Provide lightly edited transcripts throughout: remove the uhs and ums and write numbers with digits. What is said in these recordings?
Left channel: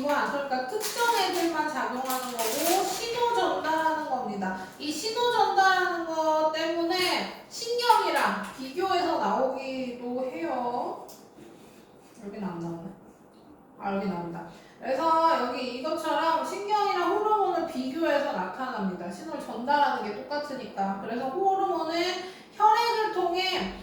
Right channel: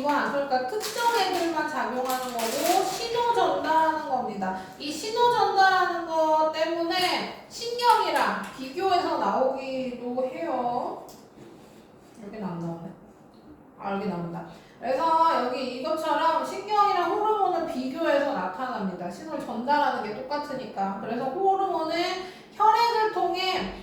기관, 그러니까 특정 애들만 작용하는 거고 신호 전달하는 겁니다. 이 신호 전달하는 거 때문에 신경이랑 비교해서 나오기도 해요. 여기 안 나오네. 아, 여기 나온다. 그래서 여기 이것처럼 신경이랑 호르몬을 비교해서 나타납니다. 신호를 전달하는 게 똑같으니까. 그래서 호르몬은 혈액을 통해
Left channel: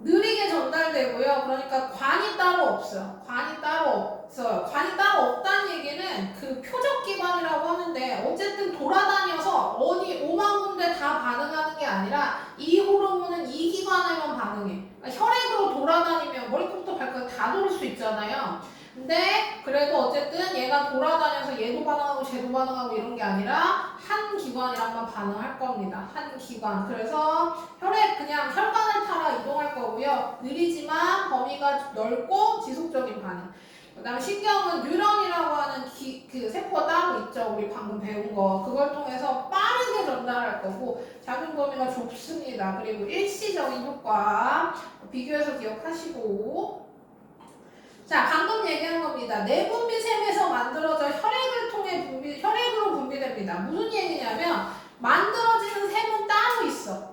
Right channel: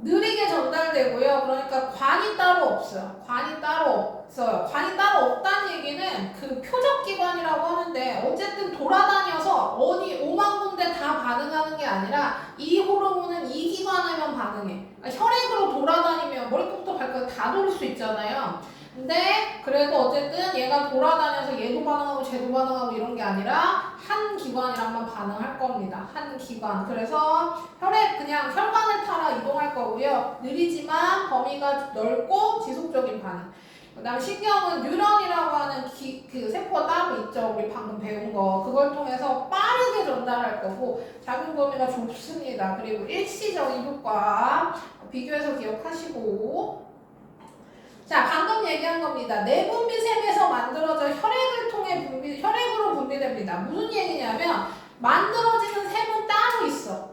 느리게 전달되고요. 그러니까 관이 따로 없어요. 관이 따로 없어요. 관이 따로 없다는 얘기는 그 표적기관이라고 하는데 어쨌든 돌아다녀서 어디 5만 군데 다 반응하는 게 아니라 이 호르몬은 이 기관에만 반응해. 그러니까 혈액으로 돌아다니면 머리부터 발끝 다 돌릴 수 있잖아요. 근데 그래도 어쨌든 얘가 돌아다녀서 얘도 반응하고 쟤도 반응하고 이런 게 아니라 한 기관이랑만 반응할 겁니다. 한 기관. 그래서 혈액 그냥 혈관을 따라 이동할 거고요. 느리지만 범위가 넓고 지속적인 반응. 그 다음에 신경은 뉴런이라고 하는 그 세포가 따로 있죠. 우리 방금 배운 거. 그걸 통해서 빠르게 전달할 거고 작용 범위가 좁습니다. 그리고 일시적인 효과. 비교해서 기억하시고. 자, 방금 얘기한 겁니다. 내분비샘에서 만들어져 혈액으로 분비됩니다. 무슨 얘기냐면 만들어지는 샘은 따로 있어.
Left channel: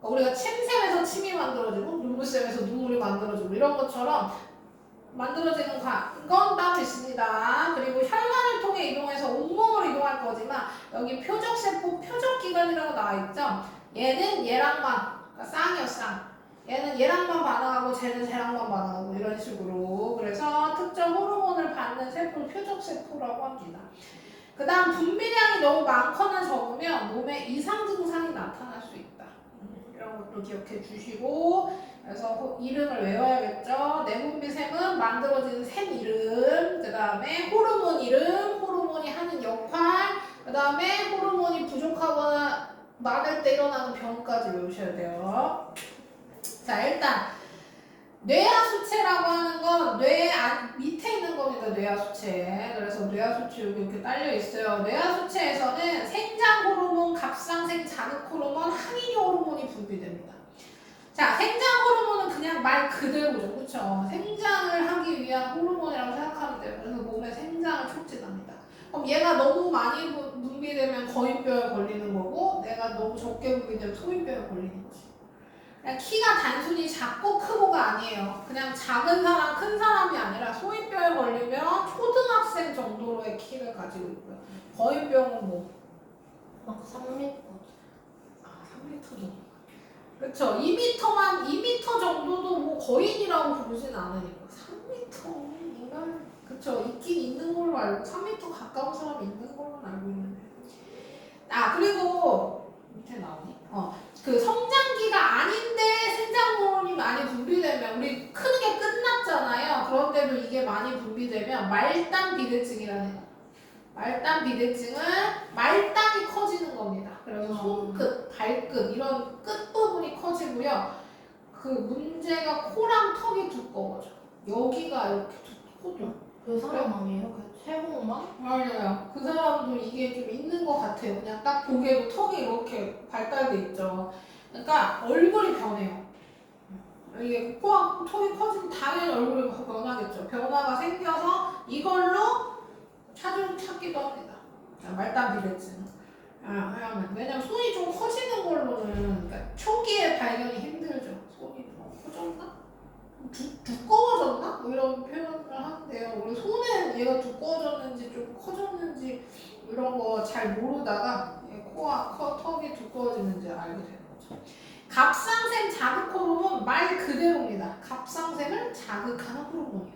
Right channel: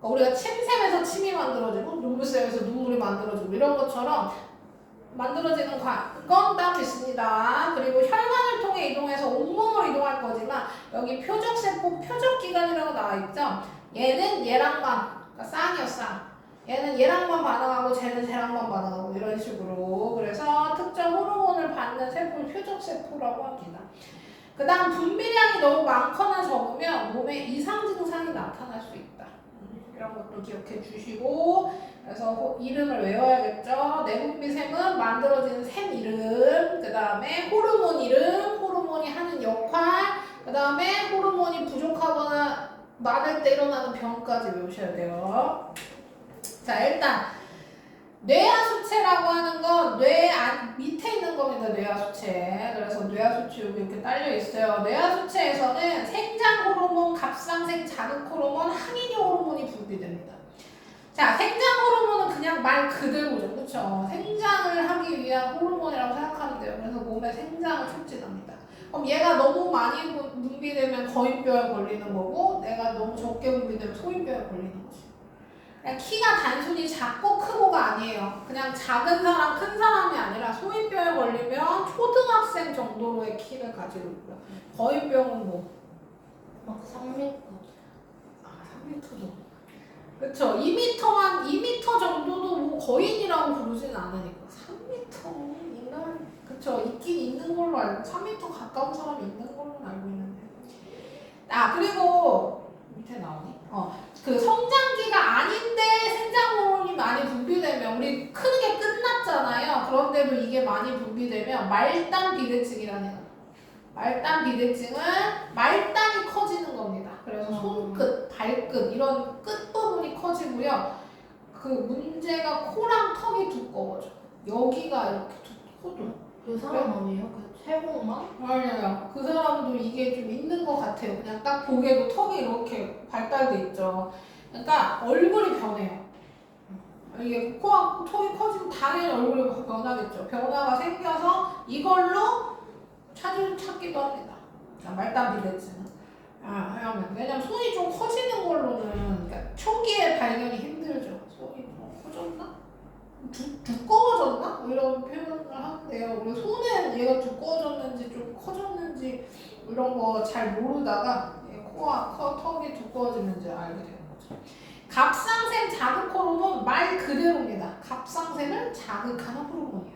그러니까 우리가 침샘에서 침이 만들어지고 눈물샘에서 눈물이 만들어지고 이런 것처럼 만들어지는 건 따로 있습니다. 그리고 혈관을 통해 이동해서 온몸으로 이동할 거지만 여기 표적세포, 표적기관이라고 나와 있죠. 얘는 얘랑만, 그러니까 쌍이요, 쌍. 얘는 얘랑만 반응하고 쟤는 쟤랑만 반응하고 이런 식으로. 그래서 특정 호르몬을 받는 세포를 표적세포라고 합니다. 그 다음 분비량이 너무 많거나 적으면 몸에 이상 증상이 나타날 수 있다. 이런 것도 기억해 주시고. 그래서 이름을 외워야겠죠. 내분비샘은 만들어지는 샘 이름, 그 다음에 호르몬 이름, 호르몬이 하는 역할, 그 다음에 호르몬이 부족하거나 많을 때 일어나는 병까지 외우셔야 돼요. 자, 일단 뇌하수체라고 하는 건 뇌 밑에 있는 겁니다. 뇌하수체. 그래서 뇌하수체 여기 이렇게 딸려 있어요. 뇌하수체에서는 생장 호르몬, 갑상생 자극 호르몬, 항인효 호르몬이 분비됩니다. 자, 생장 호르몬은 그냥 말 그대로죠. 그렇죠? 생장을 하기 위한 호르몬이라고 생각하면 돼요. 그래서 몸에 생장을 촉진합니다. 그럼 얘가 너무 많이 분비되면 거인뼈에 걸리는 거고 내가 너무 적게 분비되면 소인뼈에 걸리는 거지. 그냥 키가 단순히 작고 크고가 아니에요. 그냥 작은 사람, 큰 사람이 아니라 소인뼈에 걸리면 초등학생 정도로의 키를 가지고 있고요. 거인병은 뭐? 막 3m. 아, 3m도. 그쵸. 2m 정도도 뭐 거인이라고 부르진 않으니까. 3m. 인간, 그쵸. 있긴 있는 걸로 알고, 3m 가까운 사람이 있는 걸로 알고 있는데. 아, 그리고, 밑에 나오니? 그 성장기가 아닌데 생장 호르몬이 많이 분비되면 우리 크는 게 끝났잖아요. 그런데도 이게 많이 분비되면 말단 비대증이라는 거. 말단 비대증은 말단이 커지는 겁니다. 그래서 손끝, 발끝 이런 끝부분이 커지고요. 그 문제가 코랑 턱이 두꺼워져. 여기가 이렇게 두꺼워져. 그 사람 아니에요? 그 최홍만? 맞아요. 그 사람도 이게 좀 있는 것 같아요. 그냥 딱 보기에도 턱이 이렇게 발달돼 있죠. 그러니까 얼굴이 변해요. 이게 코와 턱이 커지면 당연히 얼굴이 변하겠죠. 변화가 생겨서 이걸로 찾기도 합니다. 말단 비대증은. 왜냐면 손이 좀 커지는 걸로는 그러니까 초기에 발견이 힘들죠. 손이 커졌나? 두꺼워졌나? 뭐 이런 표현을 하는데요. 우리 손은 얘가 두꺼워졌는지 좀 커졌는지 이런 거 잘 모르다가 코와 턱이 두꺼워지면 이제 알게 되는 거죠. 갑상샘 자극 호르몬 말 그대로입니다. 갑상샘을 자극하는 호르몬이에요.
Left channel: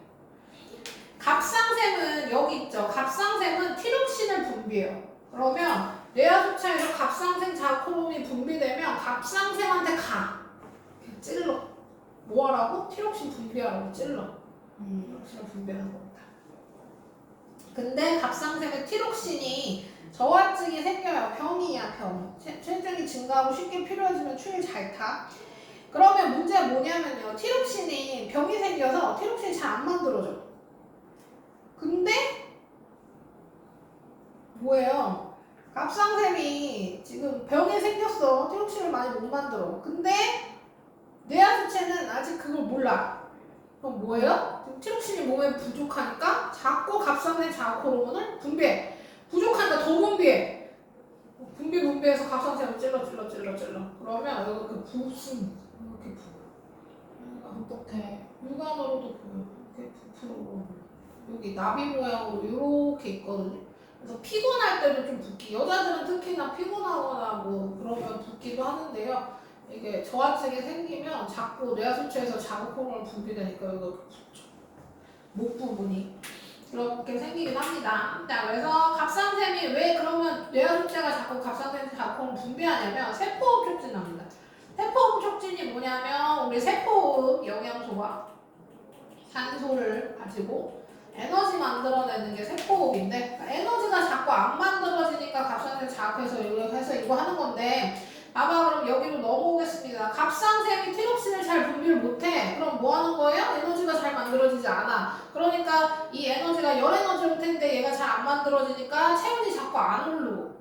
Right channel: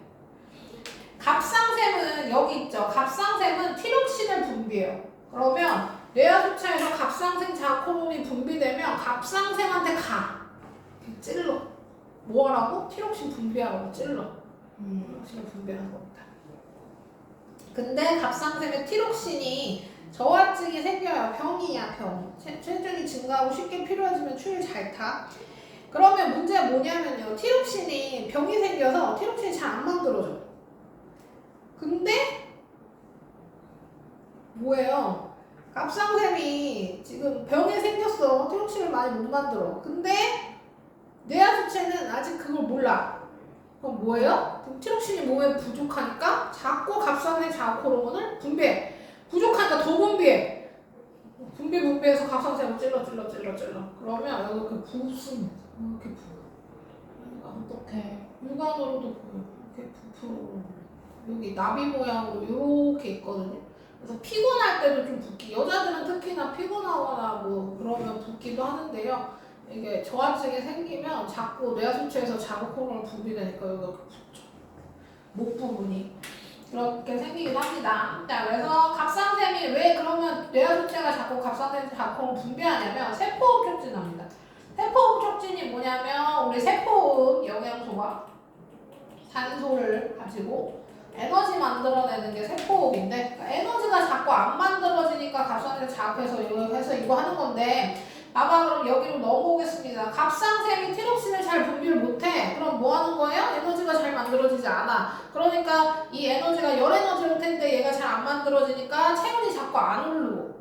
갑상샘은 여기 있죠. 갑상샘은 티록신을 분비해요. 그러면 뇌하수체에서 갑상샘 자극 호르몬이 분비되면 갑상샘한테 가. 찔러. 뭐 하라고? 티록신 분비하라고 찔러. 티록신을 분비하는 겁니다. 근데 갑상샘에 티록신이 저하증이 생겨요. 병이야, 병. 체중이 증가하고 쉽게 피로해지면 추위 잘 타. 그러면 문제가 뭐냐면요. 티록신이 병이 생겨서 티록신이 잘 안 만들어져. 근데 뭐예요? 갑상샘이 지금 병이 생겼어. 티록신을 많이 못 만들어. 근데 뇌하수체는 아직 그걸 몰라. 그럼 뭐예요? 티록신이 몸에 부족하니까 자꾸 자극 호르몬을 분비해. 부족하니까 더 분비해. 분비해서 갑상선을 찔러. 그러면 여기 그 부습니다. 이렇게 부. 어떡해. 육안으로도 보여. 이렇게 부풀어. 여기 나비 모양으로 이렇게 있거든요. 그래서 피곤할 때도 좀 붓기. 여자들은 특히나 피곤하거나 뭐 그러면 붓기도 하는데요. 이게 저하증이 생기면 자꾸 뇌하수체에서 자극 호르몬을 분비되니까 여기가 붓죠. 목 부분이 그렇게 생기긴 합니다. 자, 그래서 갑상샘이 왜 그러면 뇌하수체가 자꾸 갑상샘 자극 호르몬 분비하냐면 세포호흡 촉진합니다. 세포호흡 촉진이 뭐냐면 우리 세포호흡 영양소가 산소를 가지고 에너지 만들어내는 게 세포호흡인데 그러니까 에너지가 자꾸 안 만들어지니까 갑상샘 자극해서 이거 하는 건데 봐봐 그럼 여기로 넘어오겠습니다. 갑상샘이 티록신을 잘 분비를 못해. 그럼 뭐 하는 거예요? 에너지가 잘 만들어지지 않아. 그러니까 이 에너지가 열 에너지일 텐데 얘가 잘 안 만들어지니까 체온이 자꾸 안 오르고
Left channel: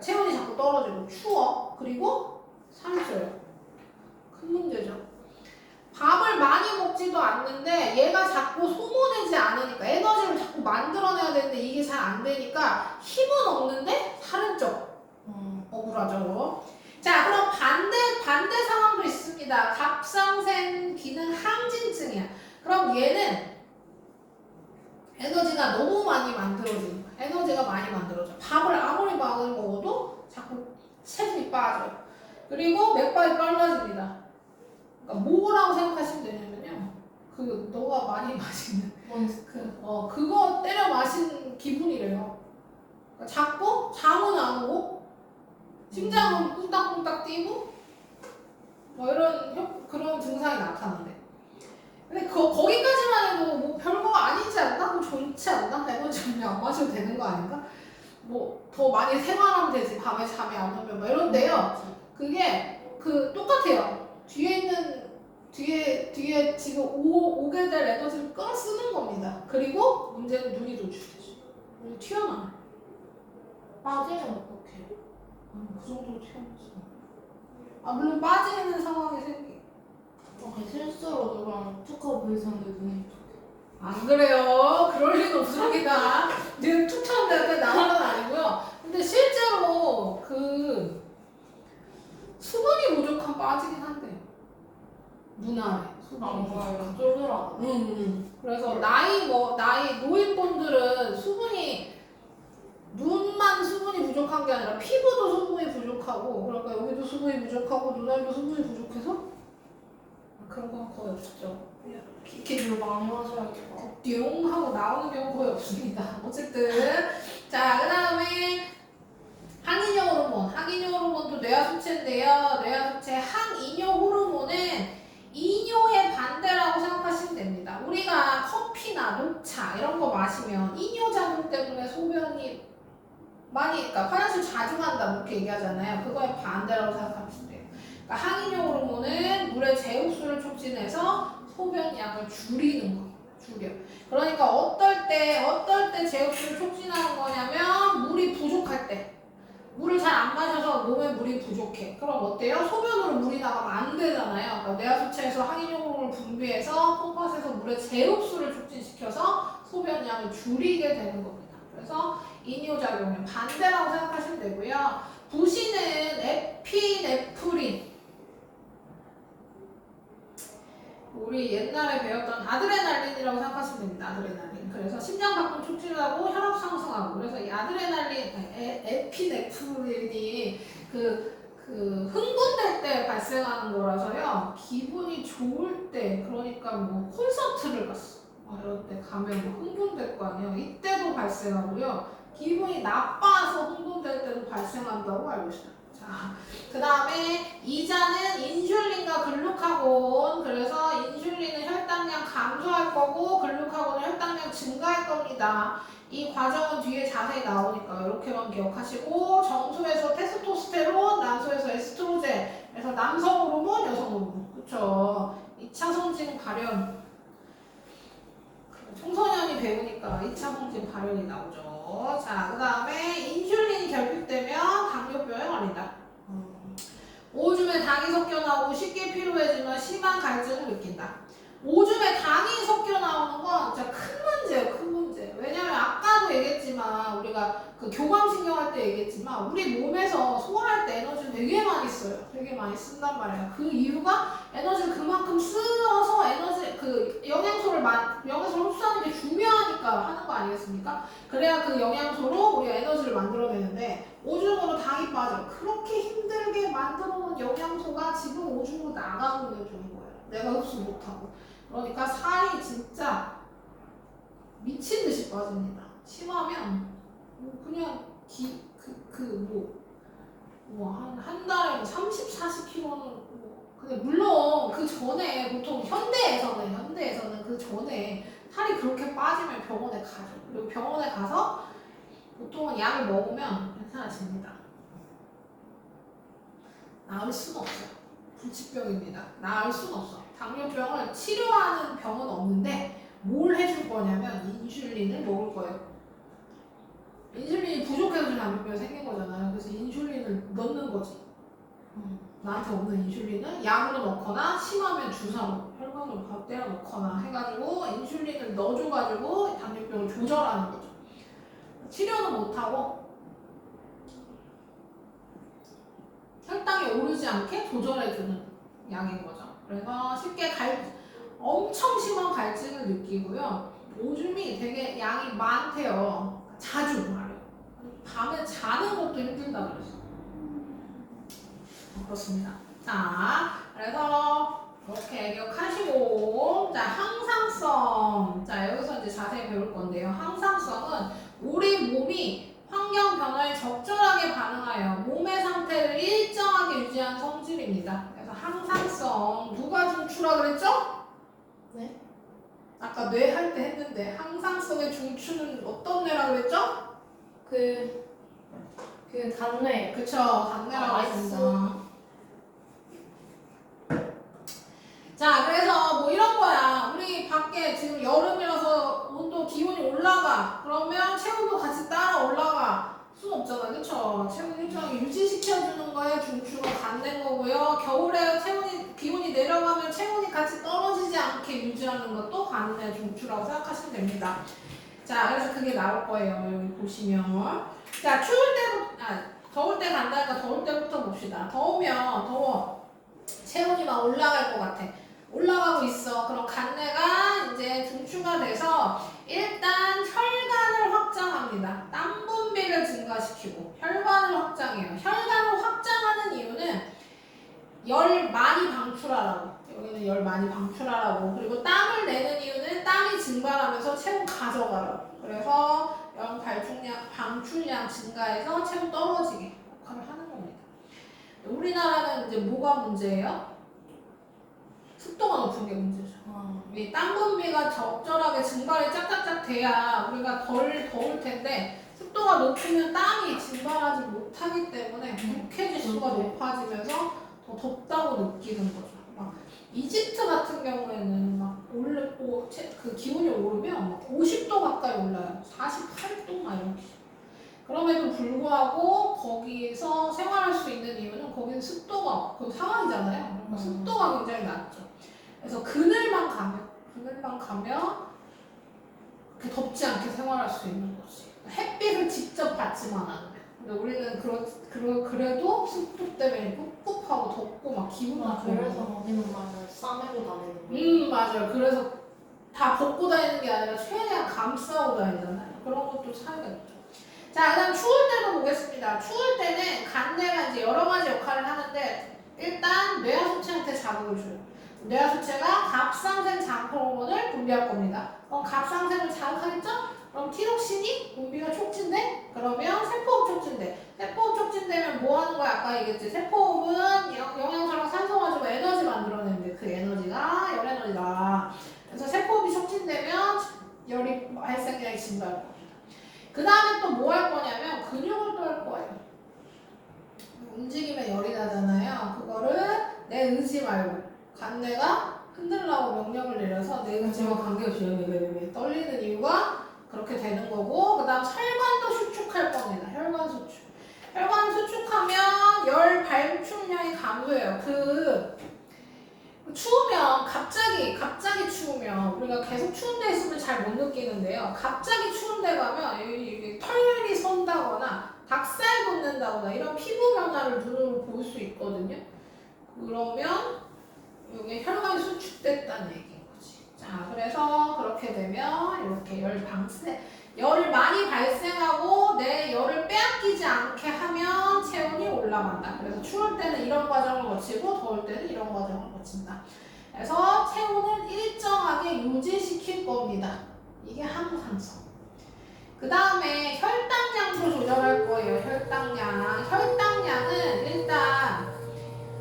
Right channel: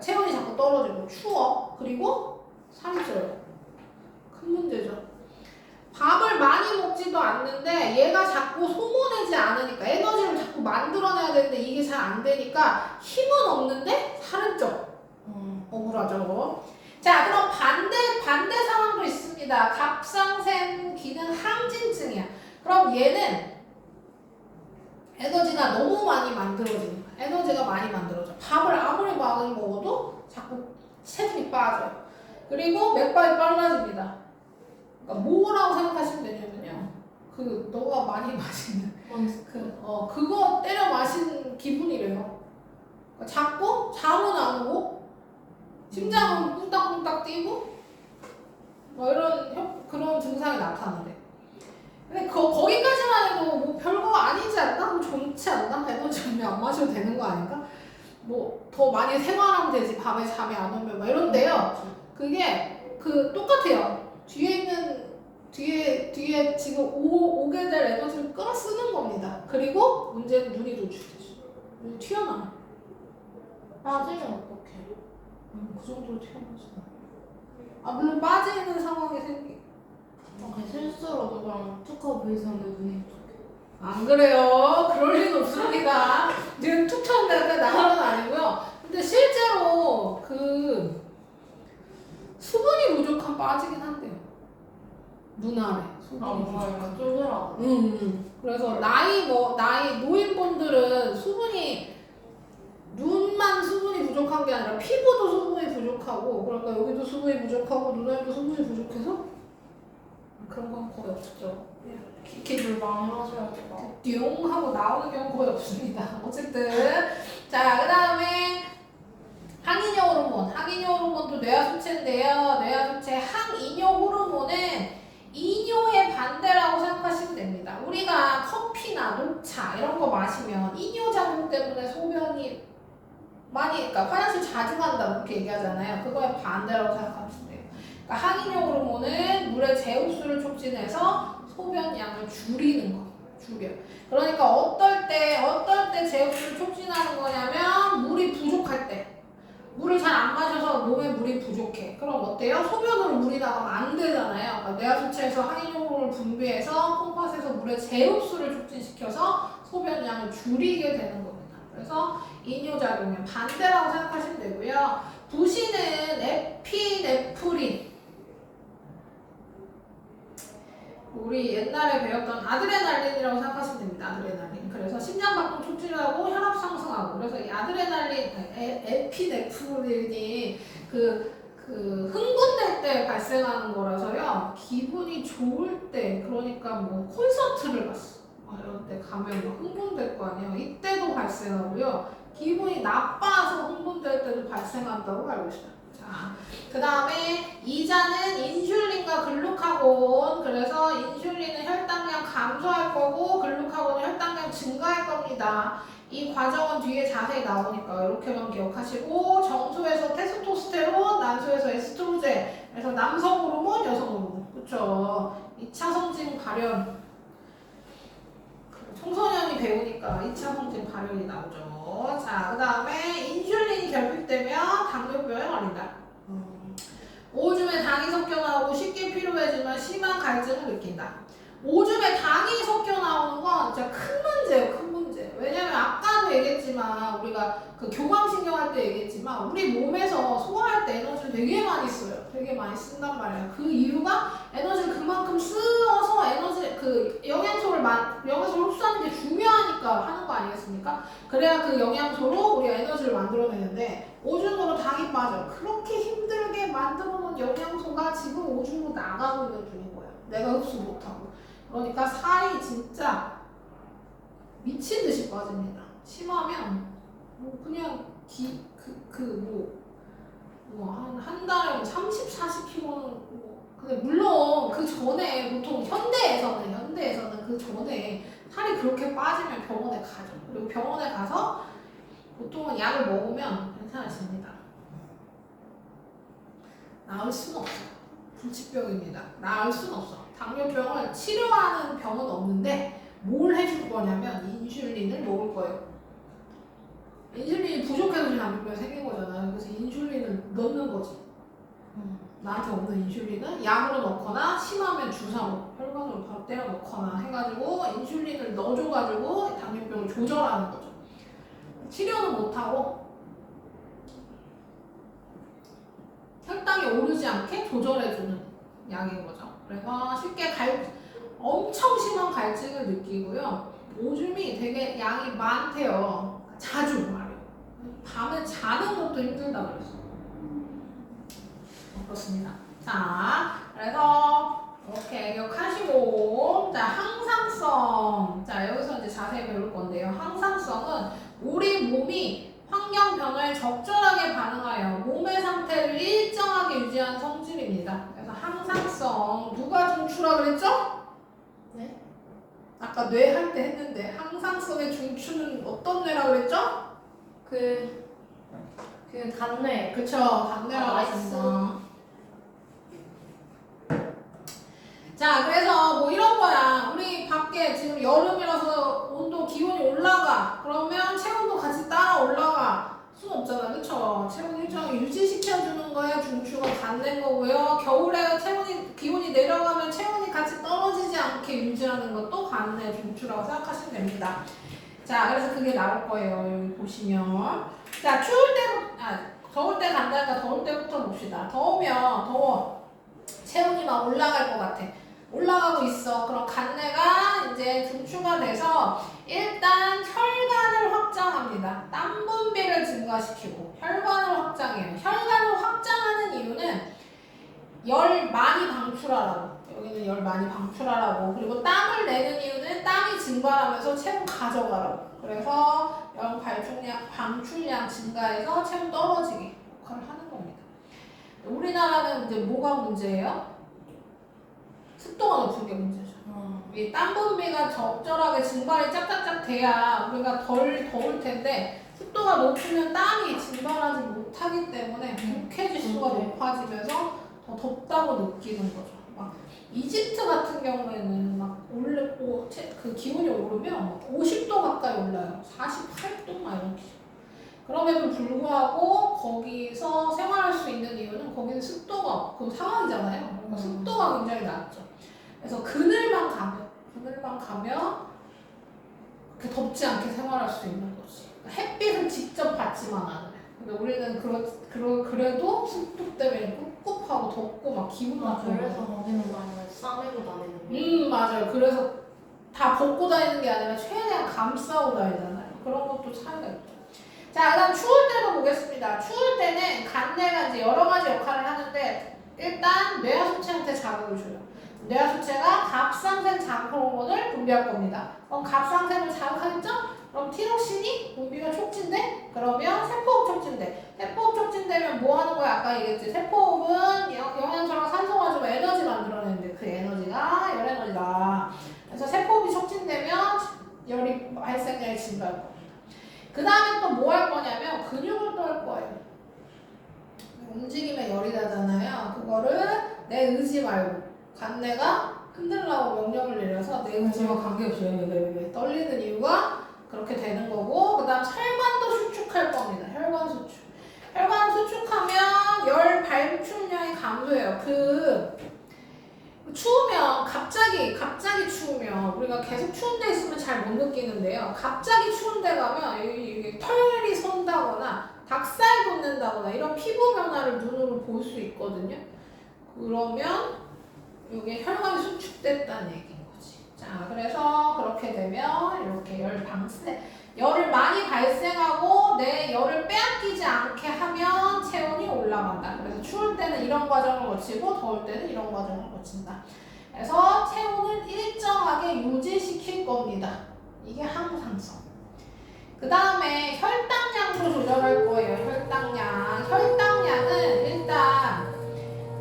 체온이 자꾸 떨어지고 추워. 그리고 살이 쪄요. 큰 문제죠. 밥을 많이 먹지도 않는데 얘가 자꾸 소모되지 않으니까 에너지를 자꾸 만들어내야 되는데 이게 잘 안 되니까 힘은 없는데 살은 쪄. 억울하죠. 자, 그럼 반대 상황도 있습니다. 갑상샘 기능 항진증이야. 그럼 얘는 에너지가 너무 많이 만들어진다. 에너지가 많이 만들어져. 밥을 아무리 많이 먹어도 자꾸 체중이 빠져요. 그리고 맥박이 빨라집니다. 그러니까 뭐라고 생각하시면 되냐면요. 그 너가 많이 마시는 그거 때려 마신 기분이래요. 그러니까 자꾸 잠은 안 오고 심장은 쿵딱쿵딱 뛰고 뭐 이런 그런 증상이 나타나네. 근데 거기까지만 해도 뭐 별거 아니지 않나? 뭐 좋지 않나? 에너지 안 마셔도 되는 거 아닌가? 뭐 더 많이 생활하면 되지. 밤에 잠이 안 오면 뭐 이런데요. 그게 똑같아요. 뒤에 지금 오게 될 에너지를 끌어 쓰는 겁니다. 그리고 문제는 눈이 노출되죠. 눈이 튀어나와요. 빠지면 어떡해. 그 정도로 튀어나오죠. 물론 빠지는 상황이 생기. 실수로 누구랑 툭 하고 보이셨는데 눈이 안 그래요. 그럴 리는 없습니다. 지금 툭 쳤는데 나가는 아니고요. 근데 실제로 수분이 부족한 빠지긴 한대요. 눈 아래 수분이 부족한. 쫄더라고. 그래서 나이 노인분들은 눈만 수분이 부족한 게 아니라 피부도 수분이 부족하고 그러니까 여기도 수분이 부족하고 눈알도 수분이 부족해서 그런 건 거의 없죠. 기를 많이 마셔야지. 띠용 하고 나오는 경우 거의 없습니다. 어쨌든 자 그다음에 항이뇨 호르몬. 항이뇨 호르몬도 뇌하수체인데요. 뇌하수체 항이뇨 호르몬은 이뇨의 반대라고 생각하시면 됩니다. 우리가 커피나 녹차 이런 거 마시면 이뇨 작용 때문에 소변이 그러니까 화장실 자주 간다 이렇게 얘기하잖아요. 그거의 반대라고 생각하시면 돼요. 그러니까 항이뇨 호르몬은 물의 제흡수를 촉진해서 소변량을 줄이는 거. 줄여. 그러니까 어떨 때 제흡수를 촉진하는 거냐면 물이 부족할 때. 물을 잘 안 마셔서 몸에 물이 부족해. 그럼 어때요? 소변으로 물이 나가면 안 되잖아요. 그러니까 뇌하수체에서 항이뇨 호르몬을 분비해서 콩팥에서 물의 제흡수를 촉진시켜서 소변량을 줄이게 되는 겁니다. 그래서 이뇨작용의 반대라고 생각하시면 되고요. 부시는 에피네프린. 우리 옛날에 배웠던 아드레날린이라고 생각하시면 됩니다. 아드레날린. 그래서 심장박동 촉진하고 혈압 상승하고. 그래서 이 아드레날린, 에피네프린이 흥분될 때 발생하는 거라서요. 기분이 좋을 때, 그러니까 뭐 콘서트를 갔어. 이럴 때 가면 막 흥분될 거 아니에요. 이때도 발생하고요. 기분이 나빠서 흥분될 때도 발생한다고 알고 있어요. 자, 그 다음에 이자는 인슐린과 글루카곤. 그래서 인슐린은 혈당량 감소할 거고 글루카곤은 혈당량 증가할 겁니다. 이 과정은 뒤에 자세히 나오니까 이렇게만 기억하시고 정소에서 테스토스테론, 난소에서 에스트로겐. 그래서 남성 호르몬, 여성 호르몬. 그렇죠? 2차 성징 발현. 청소년이 배우니까 2차 성징 발현이 나오죠. 자, 그 다음에 인슐린이 결핍되면 당뇨병에 걸린다. 오줌에 당이 섞여 나오고 쉽게 피로해지면 심한 갈증을 느낀다. 오줌에 당이 섞여 나오는 건 진짜 큰 문제예요. 큰 문제. 왜냐면 아까도 얘기했지만 우리가 그 교감신경 할 때 얘기했지만 우리 몸에서 소화할 때 에너지를 되게 많이 써요. 되게 많이 쓴단 말이에요. 그 이유가 에너지를 그만큼 쓰어서 에너지 그 영양소를 흡수하는 게 중요하니까 하는 거 아니겠습니까? 그래야 그 영양소로 우리가 에너지를 만들어내는데 오줌으로 당이 빠져. 그렇게 힘들게 만들어 놓은 영양소가 지금 오줌으로 나가고 있는 중인 거예요. 내가 흡수 못하고. 그러니까 살이 진짜 미친 듯이 빠집니다. 심하면 뭐 그냥 한 달에 뭐 30, 40kg는 뭐 근데 물론 그 전에 보통 현대에서는 그 전에 살이 그렇게 빠지면 병원에 가죠. 그리고 병원에 가서 보통은 약을 먹으면 괜찮아집니다. 나을 수는 없어요. 불치병입니다. 나을 수는 없어. 당뇨병을 치료하는 병은 없는데 뭘 해줄 거냐면 인슐린을 먹을 거예요. 인슐린이 부족해서 지금 당뇨병이 생긴 거잖아요. 그래서 인슐린을 넣는 거지. 나한테 없는 인슐린을 약으로 넣거나 심하면 주사로 혈관으로 바로 때려 넣거나 해가지고 인슐린을 넣어줘가지고 당뇨병을 조절하는 거죠. 치료는 못하고 혈당이 오르지 않게 조절해주는 약인 거죠. 그래서 쉽게 엄청 심한 갈증을 느끼고요. 오줌이 되게 양이 많대요. 자주 말해요. 밤에 자는 것도 힘들다 그랬어. 그렇습니다. 자, 그래서 이렇게 기억하시고, 자, 항상성. 자, 여기서 이제 자세히 배울 건데요. 항상성은 우리 몸이 환경 변화에 적절하게 반응하여 몸의 상태를 일정하게 유지하는 성질입니다. 그래서 항상성. 누가 중추라 그랬죠? 네? 아까 뇌 할 때 했는데 항상성의 중추는 어떤 뇌라 그랬죠? 그 간뇌. 그쵸, 간뇌라고 했습니다. 자, 그래서 뭐 이런 거야. 우리 밖에 지금 여름이라서 온도 기온이 올라가. 그러면 체온도 같이 따라 올라가. 수는 없잖아, 그쵸? 체온 일정하게 유지시켜주는 거에 중추가 갖는 거고요. 겨울에 기온이 내려가면 체온이 같이 떨어지지 않게 유지하는 것도 갖는 중추라고 생각하시면 됩니다. 자, 그래서 그게 나올 거예요. 여기 보시면. 자, 더울 때 간다니까 더울 때부터 봅시다. 더워. 체온이 막 올라갈 것 같아. 올라가고 있어. 그럼 간내가 이제 중추가 돼서 일단 혈관을 확장합니다. 땀 분비를 증가시키고 혈관을 확장해요. 혈관을 확장하는 이유는 열 많이 방출하라고. 여기는 열 많이 방출하라고. 그리고 땀을 내는 이유는 땀이 증발하면서 체온 가져가라고. 그래서 열 방출량 증가해서 체온 떨어지게 역할을 하는 겁니다. 우리나라는 이제 뭐가 문제예요? 습도가 높은 게 문제죠. 이 땀 분비가 적절하게 증발이 짝짝짝 돼야 우리가 덜 더울 텐데 습도가 높으면 땀이 증발하지 못하기 때문에 독해 지수가 높아지면서 더 덥다고 느끼는 거죠. 막 이집트 같은 경우에는 막 그 기온이 오르면 막 50도 가까이 올라요. 48도 막 이렇게. 그럼에도 불구하고 거기서 생활할 수 있는 이유는 거기는 습도가 그 상황이잖아요. 그러니까 습도가 굉장히 낮죠. 그래서 그늘만 가면 그 덥지 않게 생활할 수 있는 거지. 햇빛을 직접 받지만 않으면. 근데 우리는 그래도 습도 때문에 꿉꿉하고 덥고 막 기분 나쁘고. 그래서 거기는 막 싸매고 다니는 거. 맞아요. 그래서 다 벗고 다니는 게 아니라 최대한 감싸고 다니잖아요. 그런 것도 차이가 있죠. 자, 그다음 추울 때로 보겠습니다. 추울 때는 간내가 이제 여러 가지 역할을 하는데 일단 뇌하수체한테 자극을 줘요. 뇌하수체가 갑상선 장포 호르몬을 분비할 겁니다. 그럼 갑상선을 자극하겠죠? 그럼 티록신이 분비가 촉진돼? 그러면 세포호흡 촉진돼. 세포호흡 촉진되면 뭐 하는 거야? 아까 얘기했지. 세포호흡은 영양소랑 산소 가지고 에너지 만들어내는데 그 에너지가 열에너지다. 그래서 세포호흡이 촉진되면 열이 발생량이 증가할 거예요. 그 다음에 또 뭐 할 거냐면 근육을 또 할 거예요. 움직이면 열이 나잖아요. 그거를 내 의지 말고 간내가 흔들라고 명령을 내려서 내 의지와 관계없이 왜 떨리는 이유가 그렇게 되는 거고, 그 다음 혈관도 수축할 겁니다. 혈관 수축. 혈관을 수축하면 열 발출량이 감소해요. 추우면 갑자기 추우면 우리가 계속 추운 데 있으면 잘 못 느끼는데요. 갑자기 추운 데 가면 털이 선다 그러면 여기 혈관이 수축됐다는 얘기인 거지. 자, 그래서 그렇게 되면 이렇게 열을 많이 발생하고 내 열을 빼앗기지 않게 하면 체온이 올라간다. 그래서 추울 때는 이런 과정을 거치고 더울 때는 이런 과정을 거친다. 그래서 체온을 일정하게 유지시킬 겁니다. 이게 항상성. 그 다음에 혈당량도 조절할 거예요. 혈당량. 혈당량은 일단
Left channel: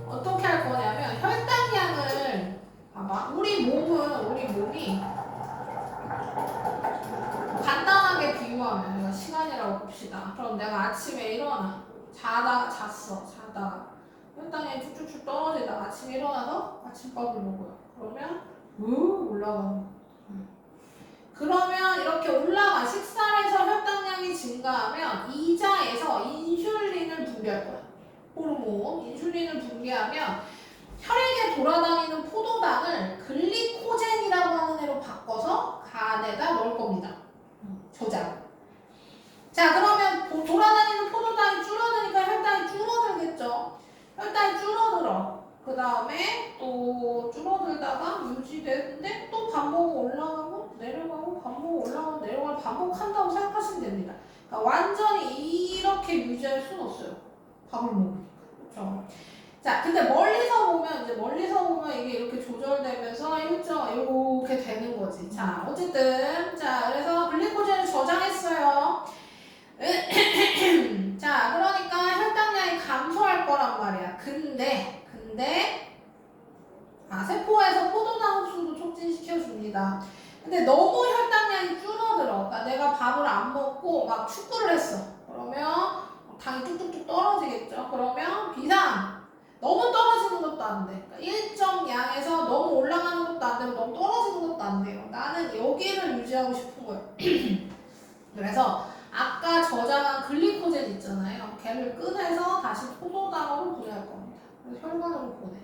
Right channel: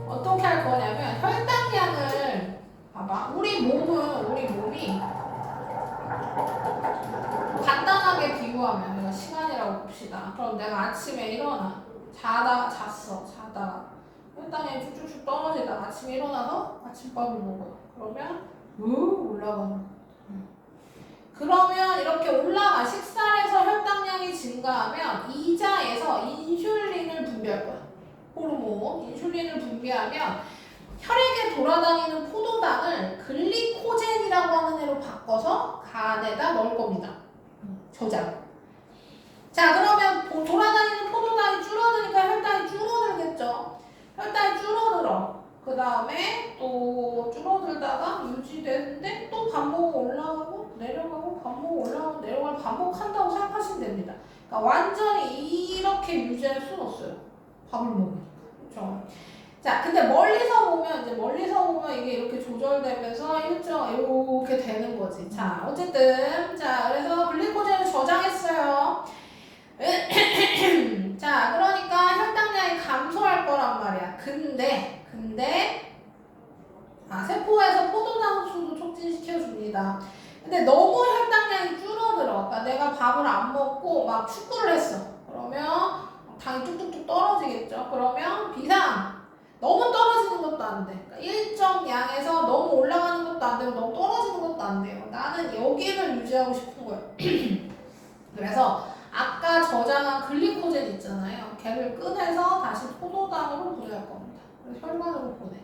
어떻게 할 거냐면 혈당량을 봐봐. 우리 몸이 간단하게 비유하면 내가 시간이라고 봅시다. 그럼 내가 아침에 일어나 자다가 혈당량이 쭉쭉쭉 떨어지다가 아침에 일어나서 아침밥을 먹어요. 그러면 올라가는 거야. 그러면 이렇게 식사를 해서 혈당량이 증가하면 이자에서 인슐린을 분비할 거야. 호르몬 인슐린을 분비하면 혈액에 돌아다니는 포도당을 글리코젠이라고 하는 애로 바꿔서 간에다 넣을 겁니다. 저장. 자, 그러면 돌아다니는 포도당이 줄어드니까 혈당이 줄어들겠죠. 혈당이 줄어들어. 그 다음에 또 줄어들다가 유지되는데 또 반복 올라가고 내려가고 반복 올라가고 내려가고 반복한다고 생각하시면 됩니다. 그러니까 완전히 이렇게 유지할 수는 없어요. 밥을 먹으니까. 그렇죠? 자, 근데 멀리서 보면 이게 이렇게 조절되면서 이렇게 되는 거지. 자, 어쨌든 그래서 글리코젠을 저장했어요. 자, 그러니까 혈당량이 감소할 거란 말이야. 근데 세포에서 포도당 흡수도 촉진시켜 줍니다. 근데 너무 혈당량이 줄어들어. 그러니까 내가 밥을 안 먹고 막 축구를 했어. 그러면 당이 뚝뚝뚝 떨어지겠죠. 그러면 비상. 너무 떨어지는 것도 안 돼. 그러니까 일정 양에서 너무 올라가는 것도 안 되고 너무 떨어지는 것도 안 돼요. 나는 여기를 유지하고 싶은 거예요. 그래서 아까 저장한 글리코젠 있잖아요. 걔를 꺼내서 다시 포도당으로 보낼 겁니다. 그래서 혈관으로 보내.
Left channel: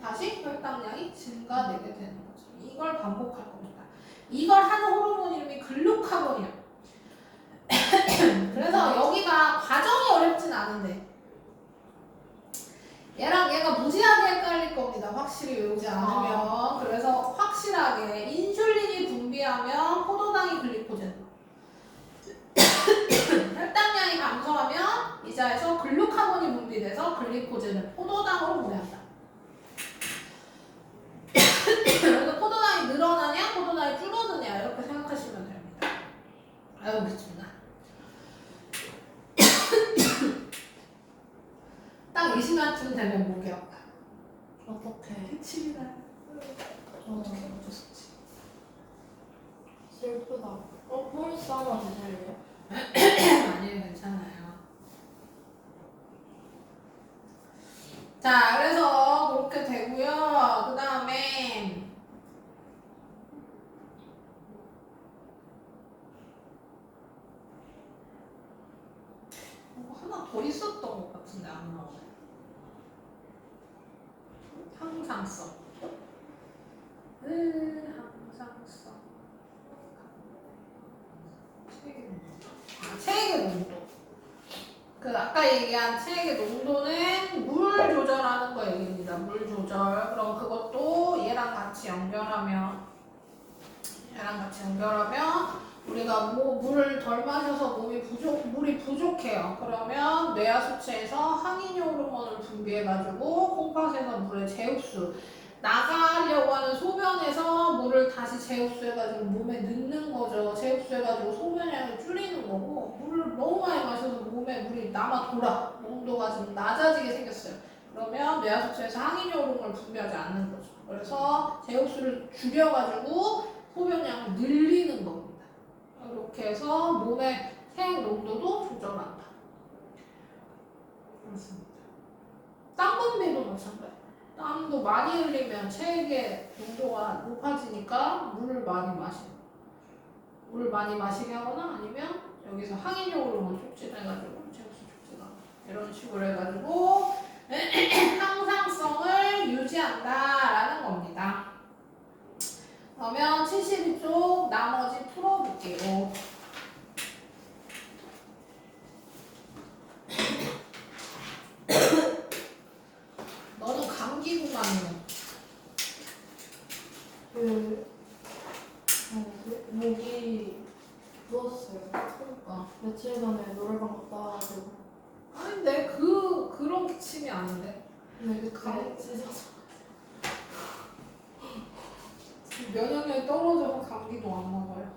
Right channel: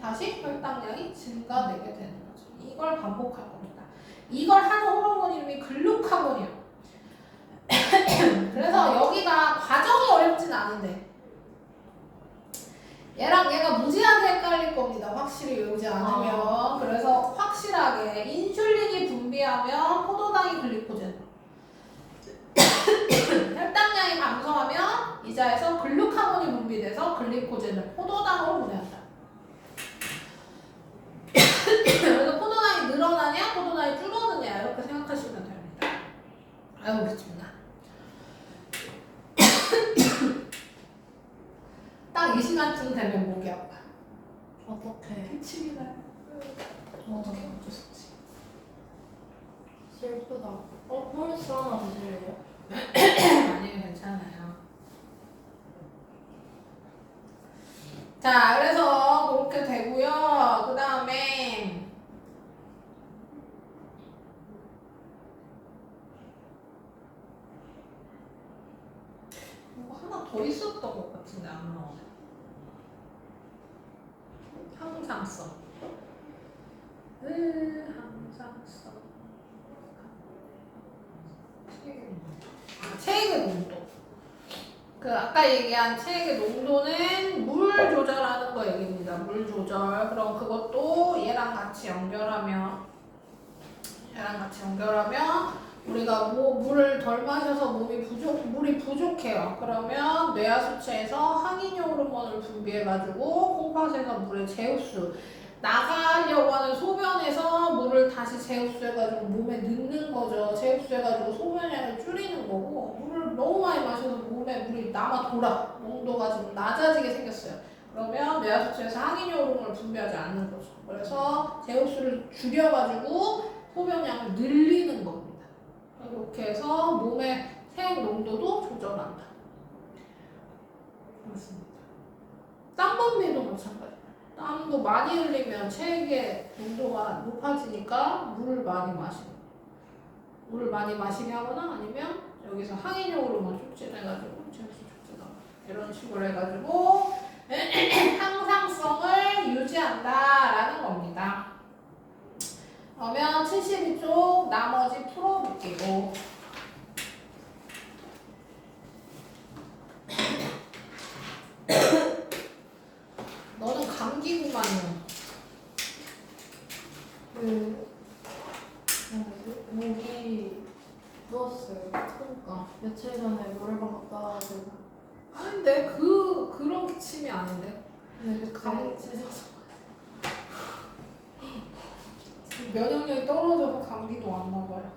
다시 혈당량이 증가되게 되는 거죠. 이걸 반복할 겁니다. 이걸 하는 호르몬 이름이 글루카곤이에요. 그래서 여기가 과정이 어렵진 않은데 얘랑 얘가 무지하게 헷갈릴 겁니다. 확실히 외우지 않으면. 그래서 확실하게 인슐린이 분비하면 포도당이 글리코젠. 혈당량이 감소하면 이자에서 글루카곤이 분비돼서 글리코젠을 포도당으로 보내한다. 그래서 포도당이 늘어나냐 포도당이 줄어드냐 이렇게 생각하시면 됩니다. 아유 미친다. 딱 이 시간쯤 되면 목이 아파. 어떡해. 미치겠네. 어떻게 어쩔 수 없지. 슬프다. 폴리스 하나 드실래요? 아니요 괜찮아요. 자, 그래서 그렇게 되고요. 그 다음에 뭐 하나 더 있었던 것 같은데 안 나오네. 항상성. 항상성. 체액의 농도. 그 아까 얘기한 체액의 농도는 물 조절하는 거 얘기입니다. 물 조절. 그럼 그것도 얘랑 같이 연결하면 우리가 물을 덜 마셔서 물이 부족해요. 그러면 뇌하수체에서 항인효 호르몬을 분비해가지고 콩팥에서 물의 재흡수 나가려고 하는 소변에서 물을 다시 재흡수해가지고 몸에 넣는 거죠. 재흡수해가지고 소변량을 줄이는 거고 물을 너무 많이 마셔서 몸에 물이 남아 돌아 농도가 좀 낮아지게 생겼어요. 그러면 뇌하수체에서 항인효 호르몬을 분비하지 않는 거죠. 그래서 재흡수를 줄여가지고 소변량을 늘리는 겁니다. 이렇게 해서 몸의 체액 농도도 조절한다. 그렇습니다. 땀 분비도 마찬가지예요. 땀도 많이 흘리면 체액의 농도가 높아지니까 물을 많이 마시게 하거나 아니면 여기서 항인효 호르몬 촉진해가지고 체액수 촉진하고 이런 식으로 해가지고 항상성을 유지한다라는 겁니다. 그러면 72쪽 나머지 풀어볼게요. 너는 그러니까 며칠 전에 노래방 갔다 와가지고 아닌데 그런 기침이 아닌데. 근데 감- 그때 찢어서 면역력이 떨어져서 감기도 왔나 봐요.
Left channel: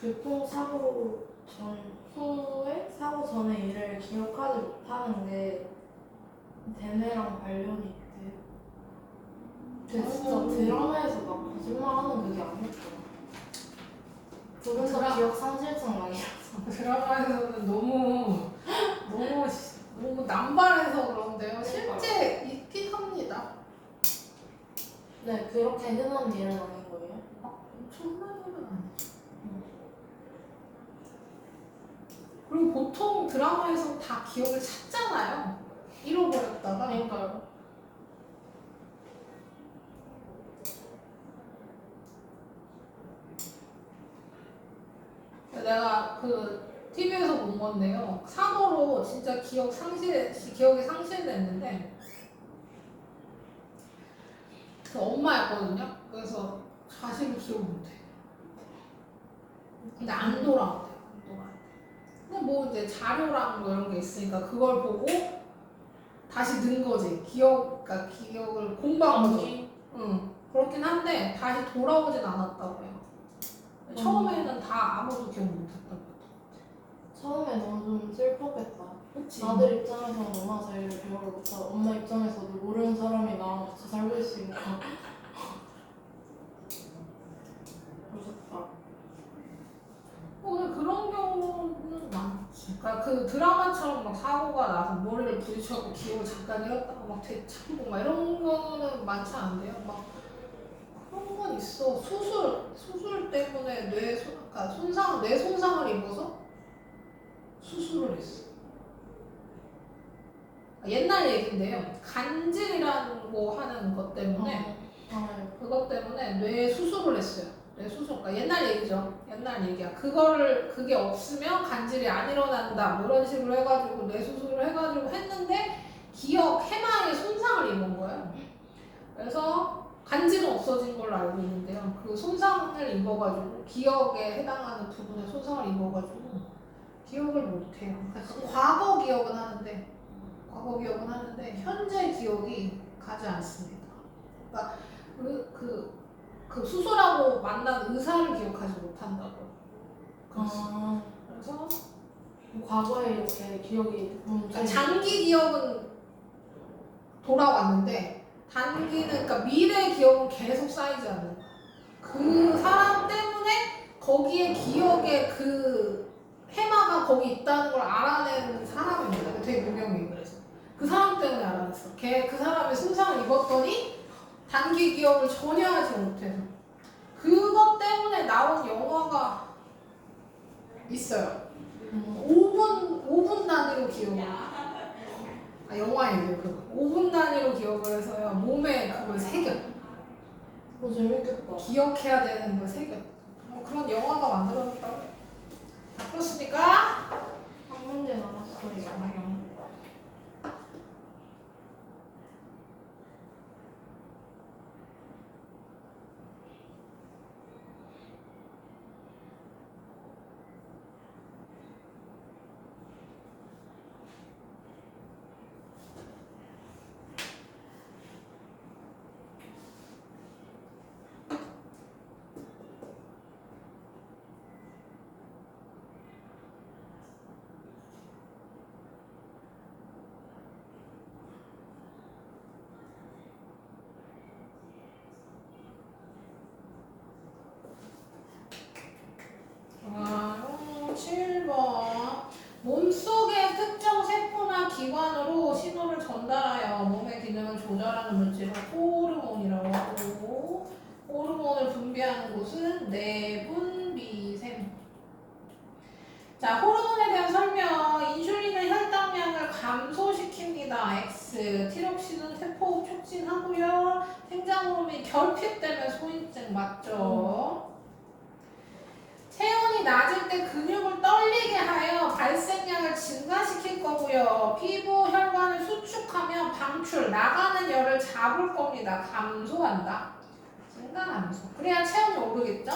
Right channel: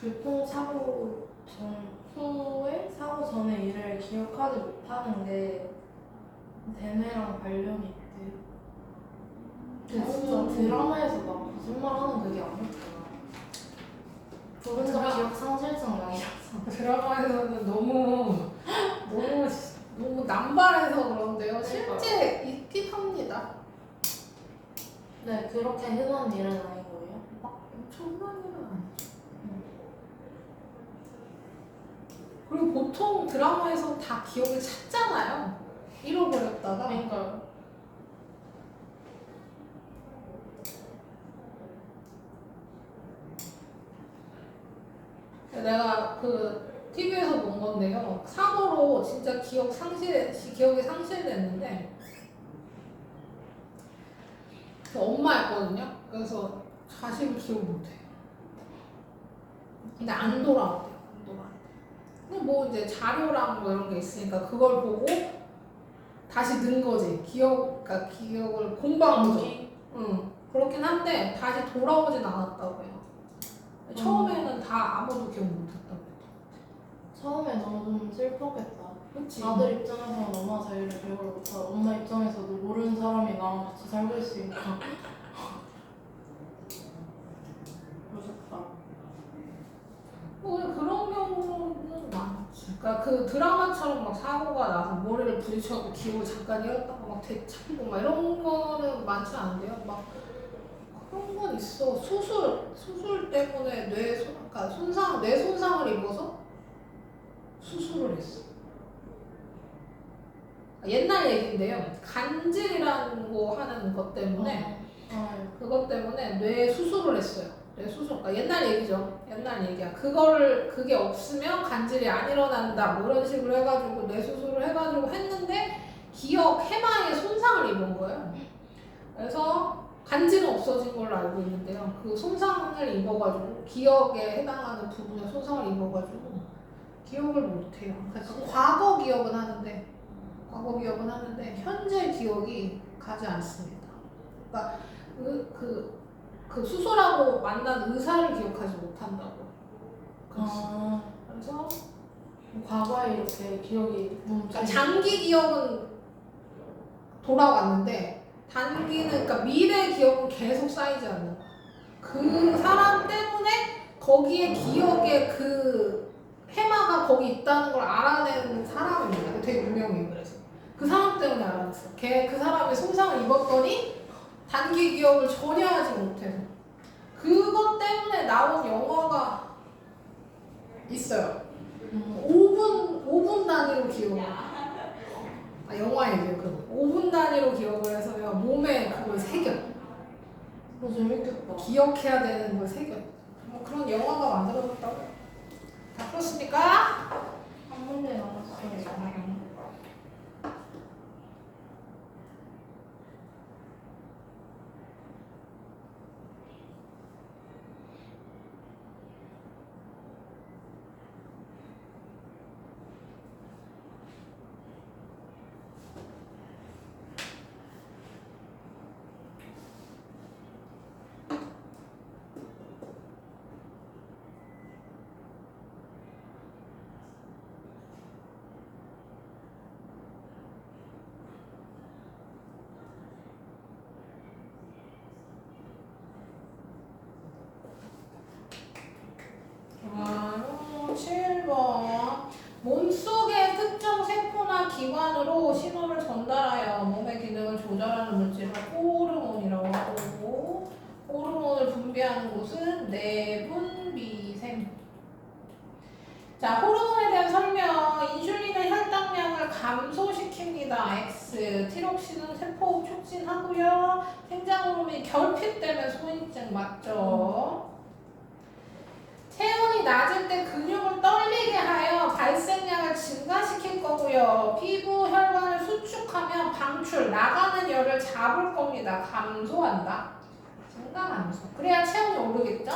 교통사고 전 후에 사고 전에 일을 기억하지 못하는 게 대뇌랑 관련이 있대. 근데 진짜 드라마에서 막 거짓말하는 그게 아니었잖아. 부분적 기억 상실증 많이라서. 드라마에서는 너무 남발해서 그런데요. 실제 있긴 합니다. 네, 그렇게 흔한 일은 아닌 거예요? 엄청난 일은 아니죠. 그리고 보통 드라마에서 다 기억을 찾잖아요. 잃어버렸다가. 그러니까요. 내가 그 TV에서 본 건데요. 사고로 진짜 기억이 상실됐는데 그 엄마였거든요. 그래서 자식을 기억 못해. 근데 안 돌아오대요. 근데 뭐 이제 자료랑 뭐 이런 게 있으니까 그걸 보고 다시 넣은 거지. 그러니까 기억을 공부한 거죠. 응. 그렇긴 한데 다시 돌아오진 않았다고요. 처음에는 다 아무도 기억 못했다고. 처음에 너무 좀 슬펐겠다. 그치? 아들 입장에서는 엄마 자리를 기억을 못하고 엄마 입장에서도 모르는 사람이 나랑 같이 살고 있으니까 무섭다. 그런 경우는 많지. 그러니까 그 드라마처럼 막 사고가 나서 머리를 부딪혀갖고 기억을 잠깐 잃었다고 막 되찾고 막 이런 거는 많지 않은데요. 막 그런 건 있어. 수술 때문에 그러니까 뇌 손상을 입어서 수술을 했어. 옛날 얘기인데요. 간질이라는 거 하는 것 때문에 그것 때문에 뇌 수술을 했어요. 뇌 수술. 그러니까 옛날 얘기죠. 옛날 얘기야. 그게 없으면 간질이 안 일어난다. 뭐 이런 식으로 해가지고 뇌 수술을 해가지고 했는데 기억 해마에 손상을 입은 거예요. 그래서 간질은 없어진 걸로 알고 있는데요. 그 손상을 입어가지고 기억에 해당하는 부분에 손상을 입어가지고 기억을 못해요. 그러니까 과거 기억은 하는데 현재 기억이 가지 않습니다. 그러니까 그 수술하고 만난 의사를 기억하지 못한다고. 그래서 과거에 이렇게 기억이 그러니까 장기 기억은 돌아왔는데 단기는 그러니까 미래 기억은 계속 쌓이지 않는 거야. 그 사람 때문에 거기에 기억에 그 해마가 거기 있다는 걸 알아낸 사람입니다. 되게 유명해요. 그래서 그 사람 때문에 알아냈어. 그 사람이 손상을 입었더니 단기 기억을 전혀 하지 못해서 그것 때문에 나온 영화가 있어요. 5분 단위로 기억을. 영화예요. 5분 단위로 기억을 해서요. 몸에 그걸 새겨. 재밌겠다. 기억해야 되는 걸 새겨. 뭐 그런 영화가 만들어졌다고. 다 그렇습니까? 한 문제 남았어요. 좋아요. 7번. 몸속의 특정 세포나 기관으로 신호를 전달하여 몸의 기능을 조절하는 물질을 호르몬이라고 하고, 호르몬을 분비하는 곳은 내분, 미샘. 자, 호르몬에 대한 설명. 인슐린은 혈당량을 감소시킵니다. X. 티록신은 세포 촉진하고요. 생장 호르몬이 결핍되면 소인증 맞죠? 체온이 낮을 때 근육을 떨리게 하여 발생량을 증가시킬 거고요. 피부 혈관을 수축하면 방출, 나가는 열을 잡을 겁니다. 감소한다. 증가감소. 그래야 체온이 오르겠죠?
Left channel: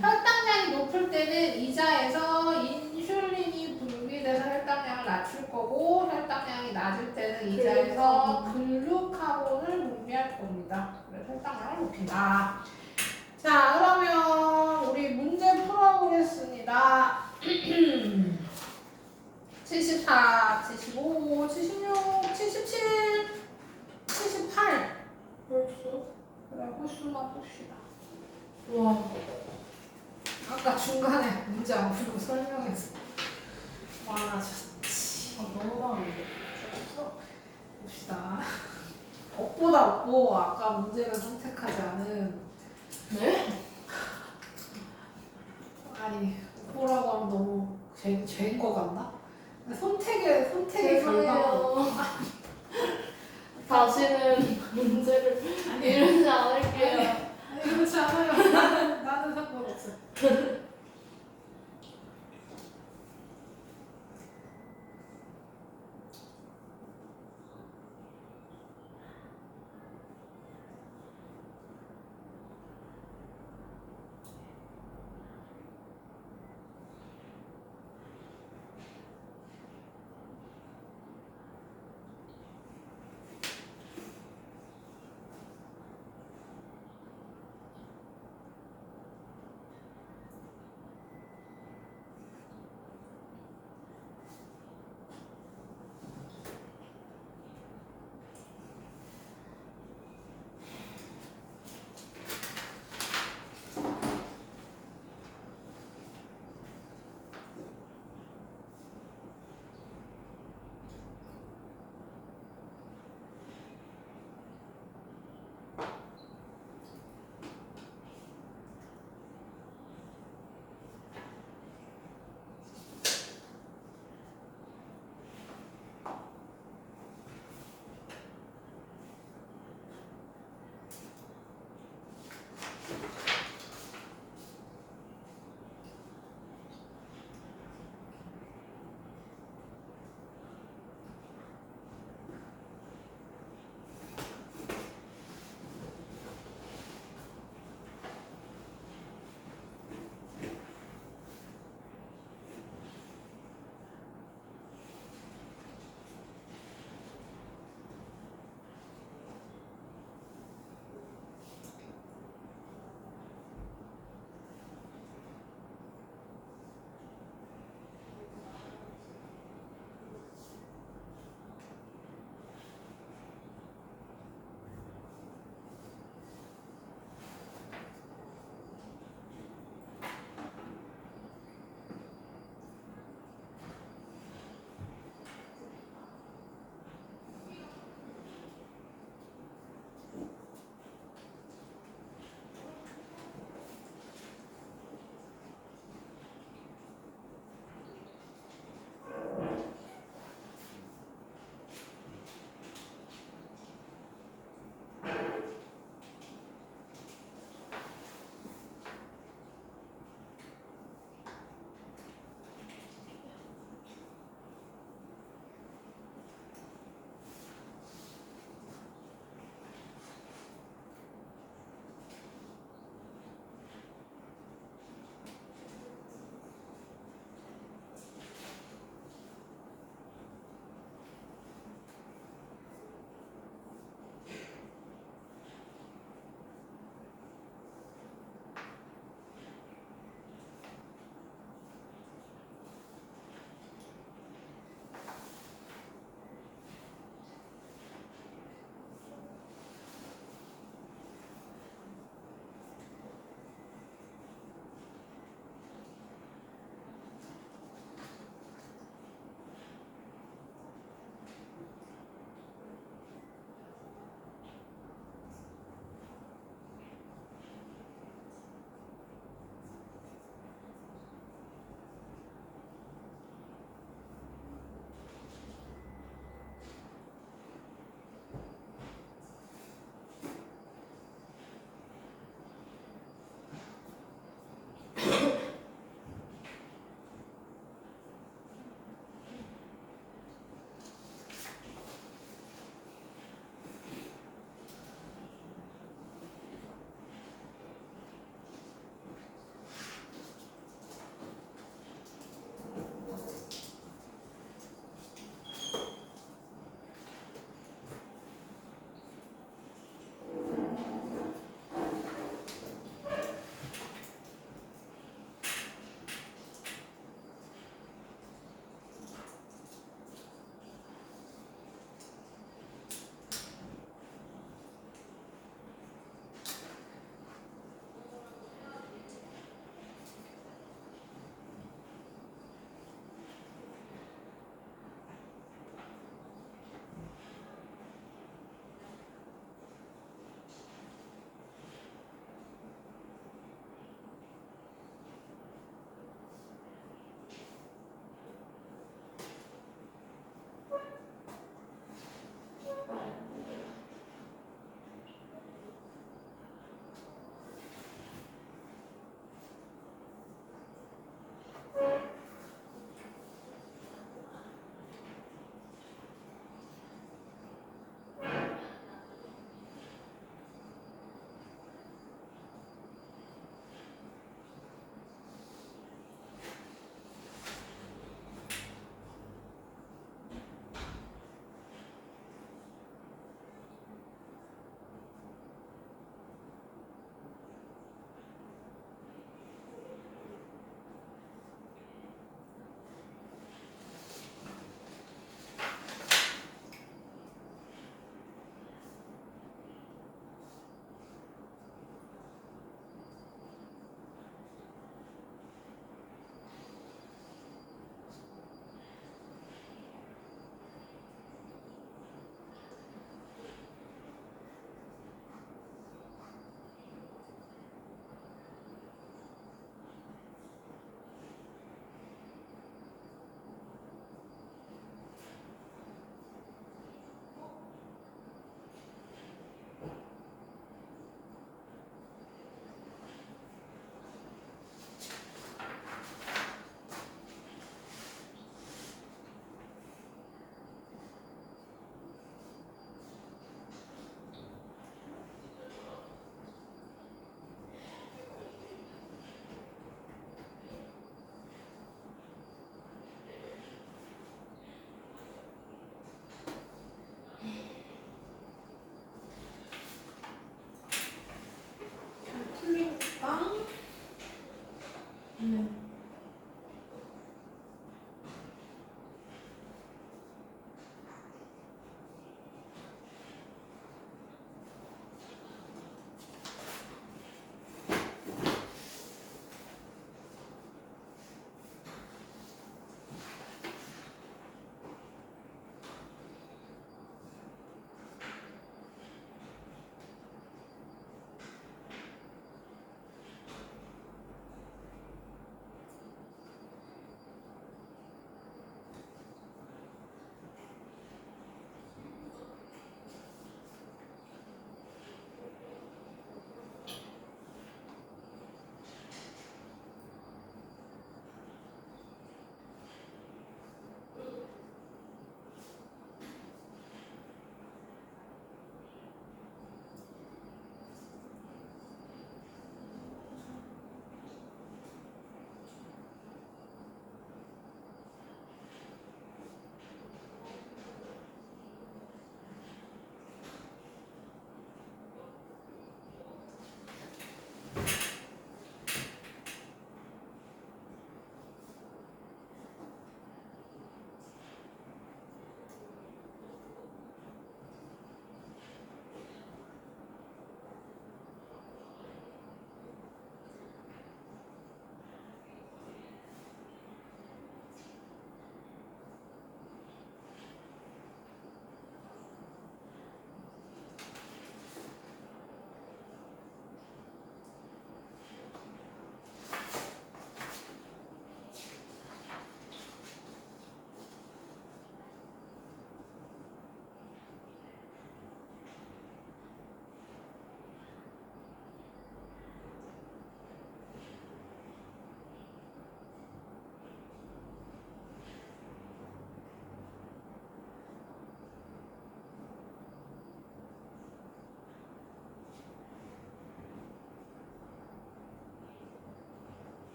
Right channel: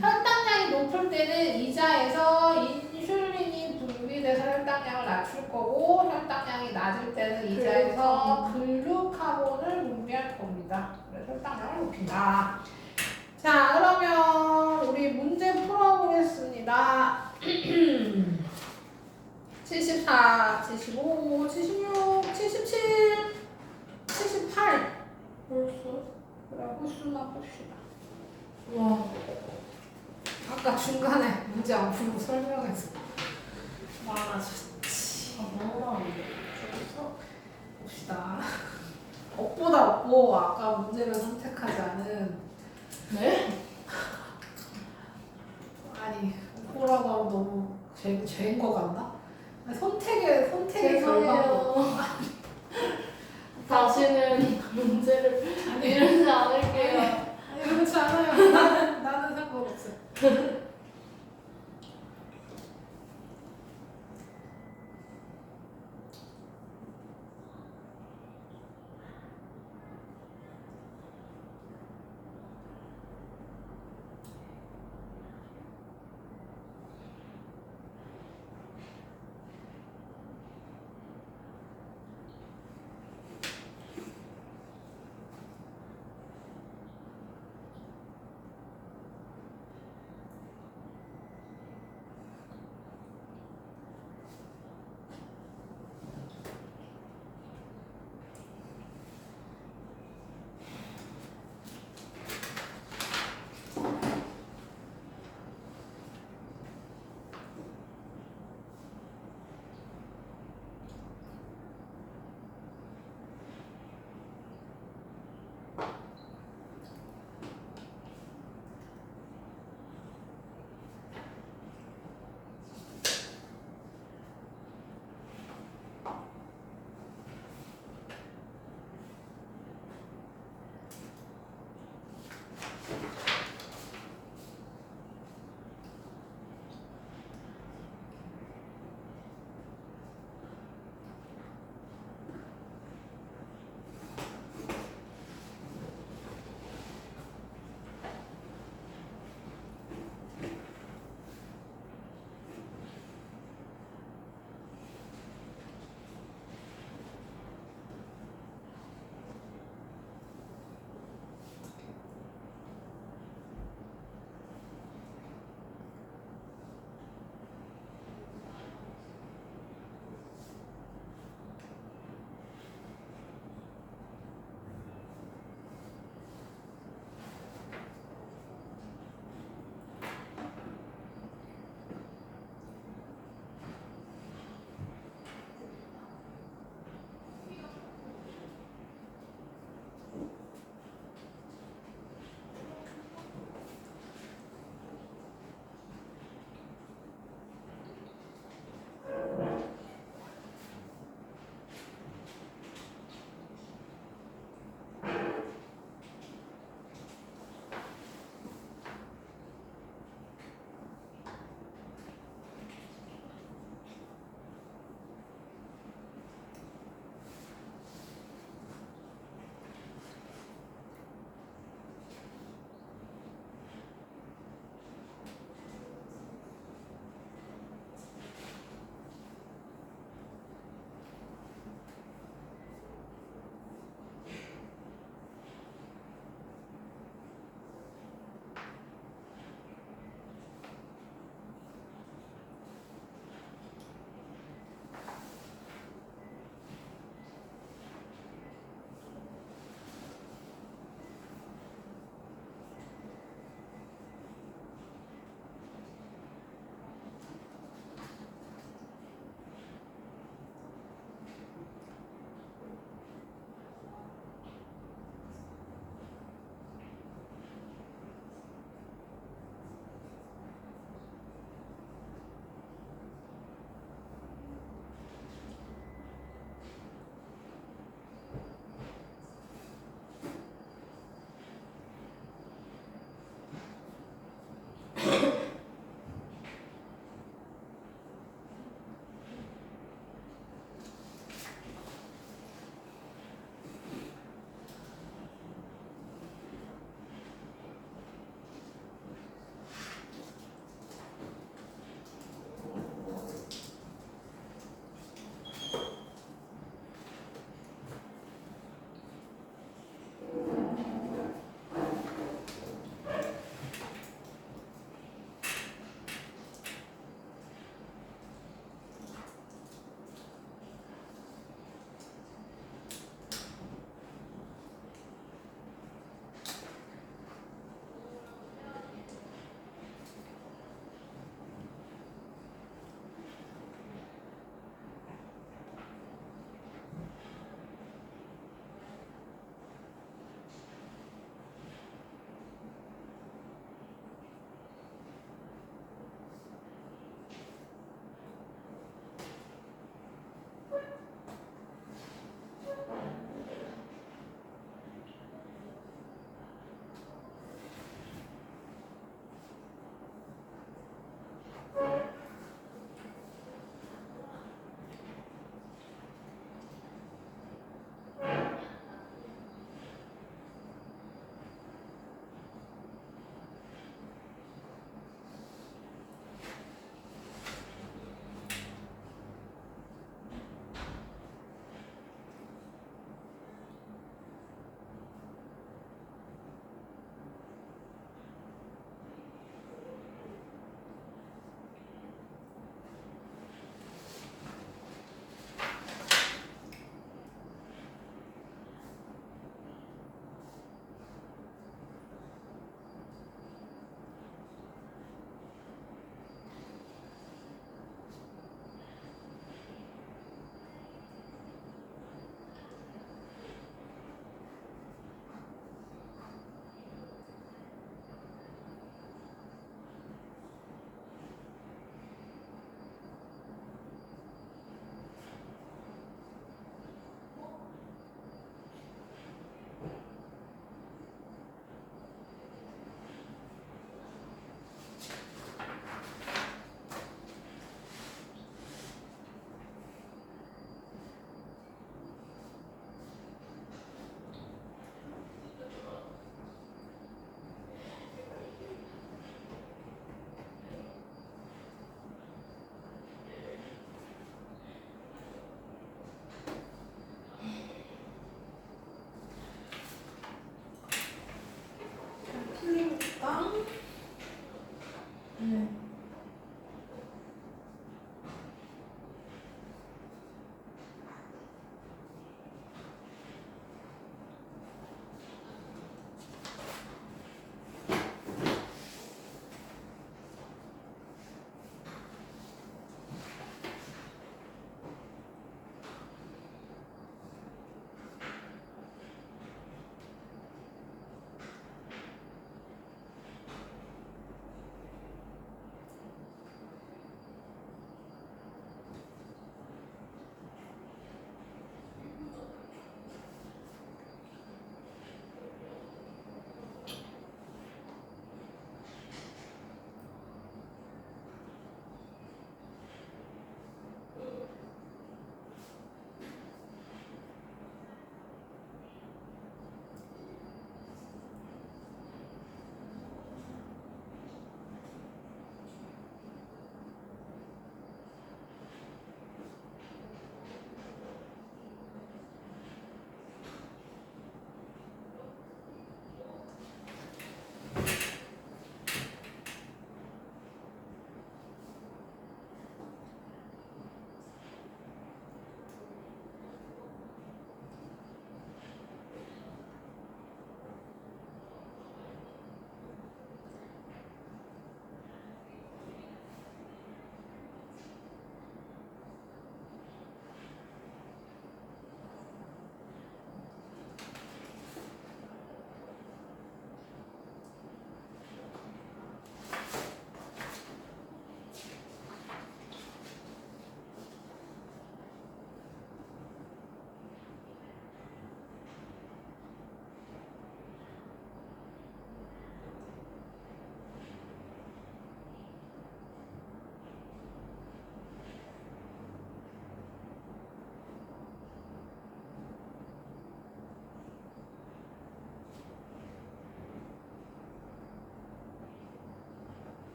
혈당량이 높을 때는 이자에서 인슐린이 분비돼서 혈당량을 낮출 거고, 혈당량이 낮을 때는 이자에서 글루카곤을 분비할 겁니다. 그래서 혈당량을 높인다. 자, 그러면 우리 문제 풀어보겠습니다. 74, 75, 76, 77, 78. 벌써? 그래, 홀수만 봅시다. 와. 아까 중간에 문제 안 풀고 설명했어. 많아졌지. 너무 많은데. 봅시다. 억보다 억보 아까 문제를 선택하지 않은. 네? 아니, 호라가 너무 죄인 것 같나? 선택의 결과로. 죄송해요. 다시는 문제를 아니, 이러지 않을게요. 아니, 그렇지 않아요. 나는 상관없어.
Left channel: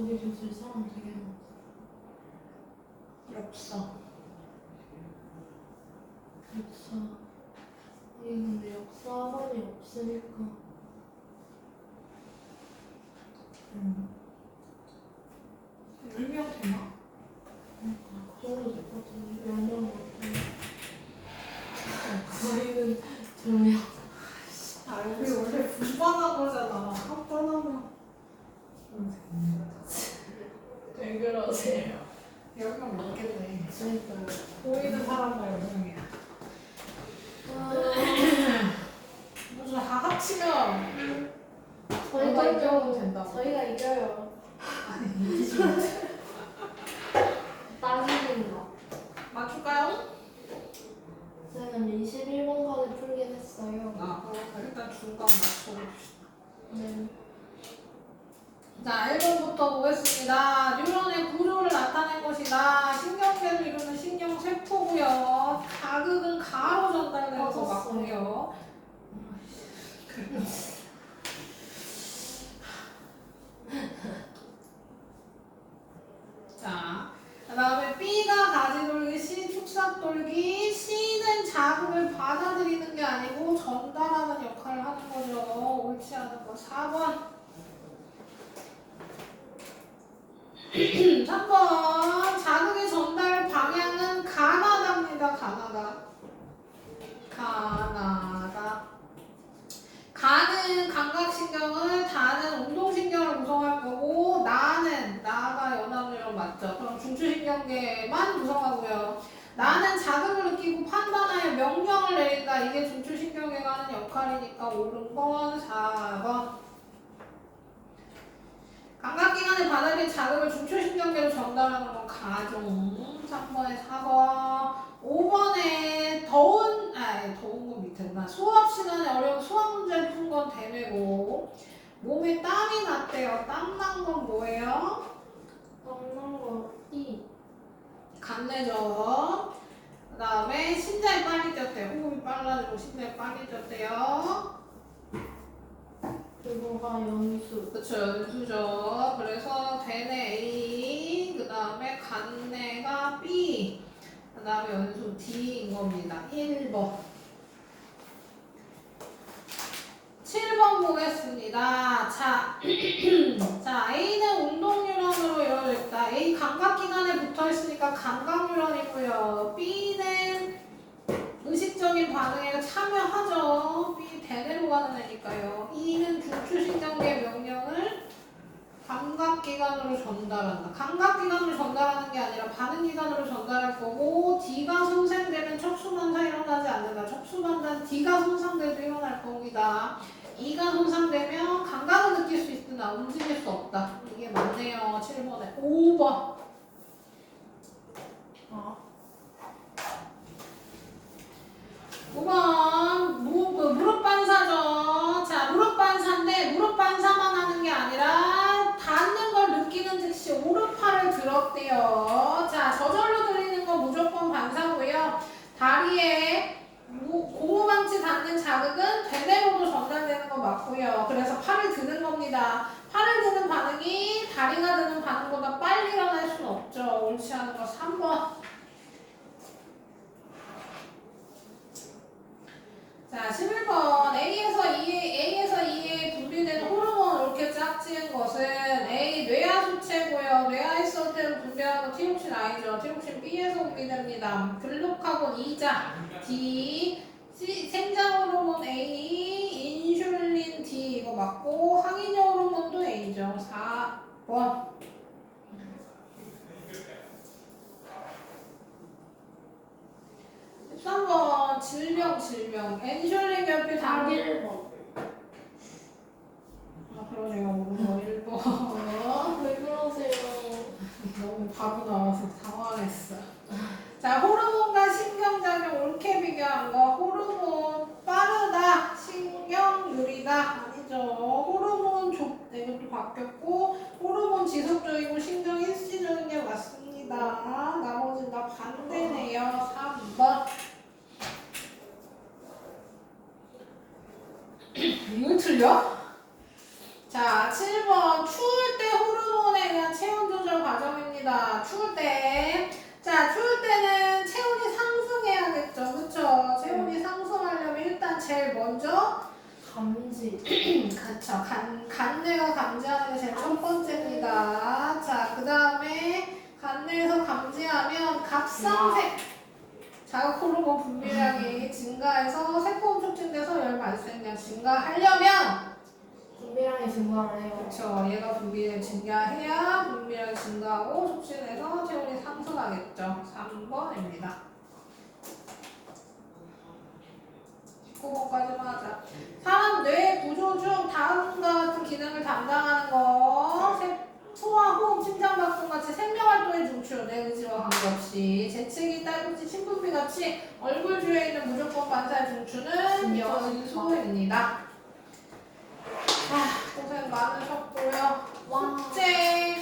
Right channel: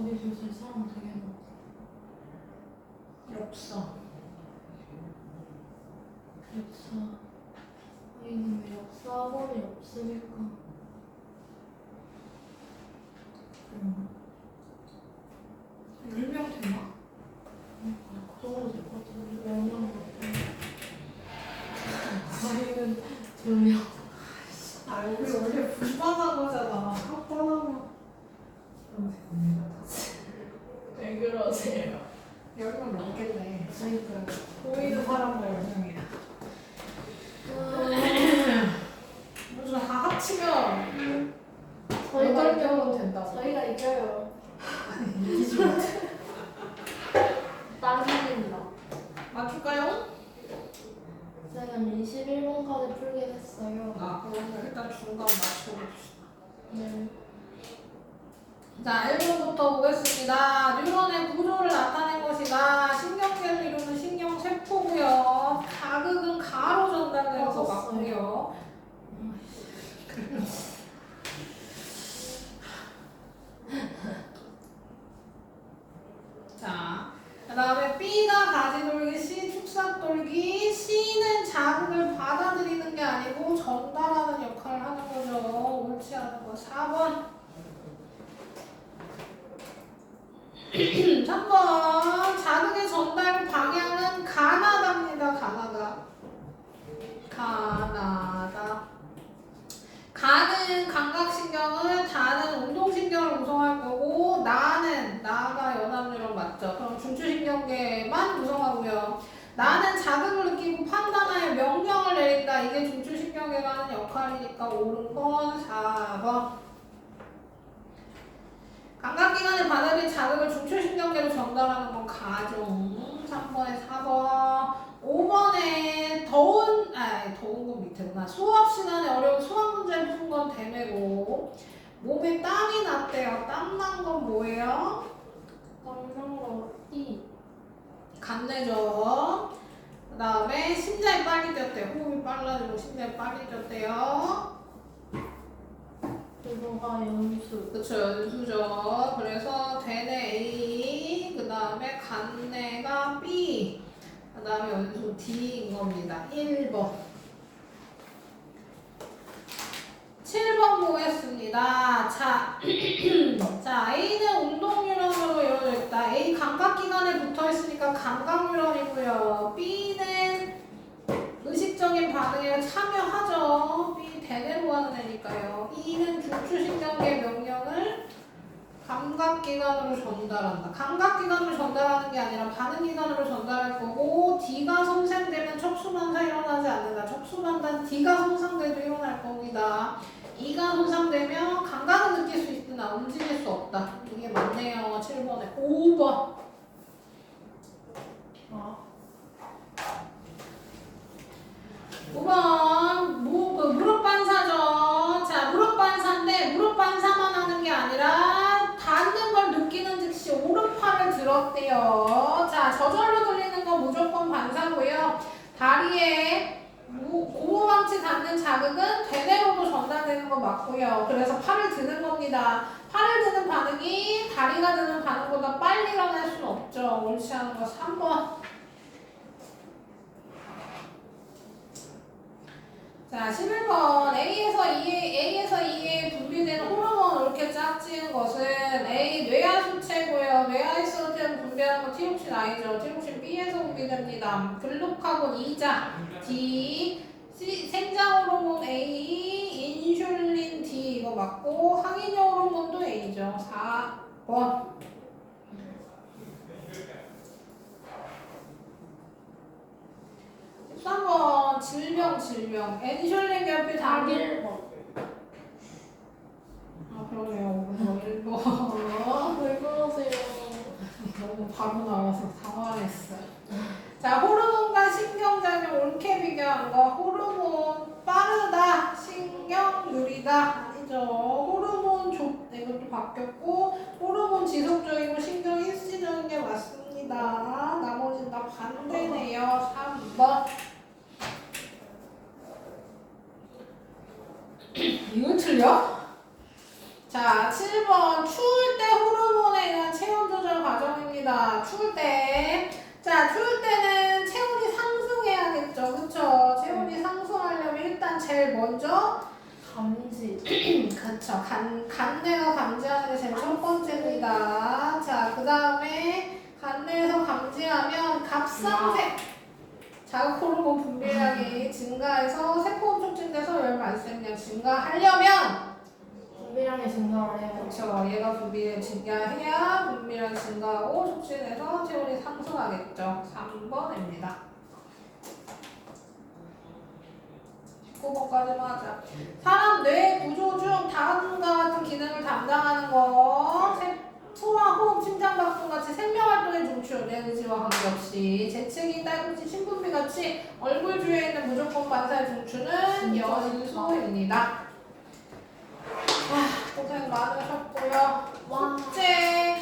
저기 교실 사람 되게 많다. 없어. 역사. 여기는 왜 역사 학원이 없으니까. 10명 되나? 그 정도 될 것 같은데. 몇명 저희는 2명. 아, 여기 원래 분반한 거잖아. 합반하면. 왜 그러세요? 10명 넘겠네. 그러니까요. 보이는 사람만 10명이야. 무슨 다 합치면 저희가 이겨면 이겨요. 된다고. 저희가 이겨요. 땅입니다. 맞출까요? 쌤은 21번까지 풀긴 했어요. 아, 그럼 일단 중간 맞춰봅시다. 네. 자, 1번부터 보겠습니다. 뉴런의 구조를 나타낸 것이다. 신경계를 이루는 신경세포고요. 자극은 가로 전달되는 것 같고요. 자, 그 다음에 B가 가지돌기, C 축삭돌기. C는 자극을 받아들이는 게 아니고 전달하는 역할을 하는 거죠. 옳지 않은 거. 4번. 3번. 자극의 전달 방향은 가나다입니다. 가나다. 가는 감각신경을, 다는 운동신경을 구성할 거고, 나가 연합뉴런 맞죠? 그럼 중추신경계만 구성하고요. 나는 자극을 느끼고 판단하여 명령을 내린다. 이게 중추신경계가 하는 역할이니까 옳은 건 4번. 감각기관을 받아들인 자극을 중추신경계로 전달하는 건 가중. 3번에 4번. 5번에 더운 건 밑에구나. 수업 시간에 어려운 수학 문제를 푼 건 대매고. 몸에 땀이 났대요. 땀 난 건 뭐예요? 땀난 거 E. 간내죠. 그 다음에 심장이 빨리 뛰었대요. 호흡이 빨라지고 심장이 빨리 뛰었대요. 그거가 연수. 그쵸, 연수죠. 그래서 대뇌 A, 그 다음에 간내가 B, 그 다음에 연수 D인 겁니다. 1번. 7번 보겠습니다. 자, 자, A는 운동뉴런으로 이루어져 있다. A 감각기관에 붙어 있으니까 감각뉴런이고요. B는 의식적인 반응에 참여하죠. B 대뇌로 하는 애니까요. E는 중추신경계 명령을 감각기관으로 전달한다. 감각기관으로 전달하는 게 아니라 반응기관으로 전달할 거고, D가 손상되면 척수반사 일어나지 않는다. 척수반사는 D가 손상돼도 일어날 겁니다. E가 손상되면 감각은 느낄 수 있으나 움직일 수 없다. 이게 맞네요. 7번에. 5번. 아. 5번. 무릎 반사죠. 자, 무릎 반사인데 무릎 반사만 하는 게 아니라 닿는 걸 느끼는 즉시 오른팔을 들었대요. 자, 저절로 돌리는 건 무조건 반사고요. 다리에 고무망치 닿는 자극은 대뇌로도 전달되는 거 맞고요. 그래서 팔을 드는 겁니다. 팔을 드는 반응이 다리가 드는 반응보다 빨리 일어날 수는 없죠. 옳지 않은 거 3번. 자, 11번. A에서 E에 분비되는 호르몬을 이렇게 짝지은 것은 A, 뇌하수체고요. 뇌하수체를 분비하는 건 티록신 I죠. 티록신 B에서 분비됩니다. 글루카곤 E자 D, 생장 호르몬 A, 인슐린 D 이거 맞고 항인형 호르몬도 A죠. 4번. 13번 질병 엔슐린 결핍 당길 1번. 아 그러네요. 1번 왜 그러세요? 너무 바로 나와서 당황했어. 자, 호르몬과 신경작용 옳게 비교한 거. 호르몬 빠르다, 신경 느리다 아니죠. 호르몬 이것도 바뀌었고 호르몬 지속적이고 신경 일시적인 게 맞습니다. 나머지는 다 반대네요. 3번. 이거 틀려? 자, 7번 추울 때 호르몬에 의한 과정입니다. 추울 때. 자, 추울 때는 체온이 상승해야겠죠. 그쵸? 체온이 상승하려면 일단 제일 먼저 감지. 그쵸. 간내가 감지하는 게 제일 첫 번째입니다. 자, 그 다음에 간내에서 감지하면 갑상색 자극 호르몬 분비량이 증가해서 세포 촉진돼서 열 발생량 증가하려면 분비량이 증가를 해요. 그렇죠. 얘가 분비를 증가해야 분비량이 증가하고 촉진해서 체온이 상승하겠죠. 3번입니다. 19번까지만 하자. 사람 뇌 구조 중 다음과 같은 기능을 담당하는 거 소화, 호흡, 심장박동 같이 생명활동의 중추, 뇌 의지와 관계없이 재채기, 딸꾹질, 신분비 같이 얼굴 주위에 있는 무조건 반사의 중추는 연소입니다. 고생 많으셨고요. 숙제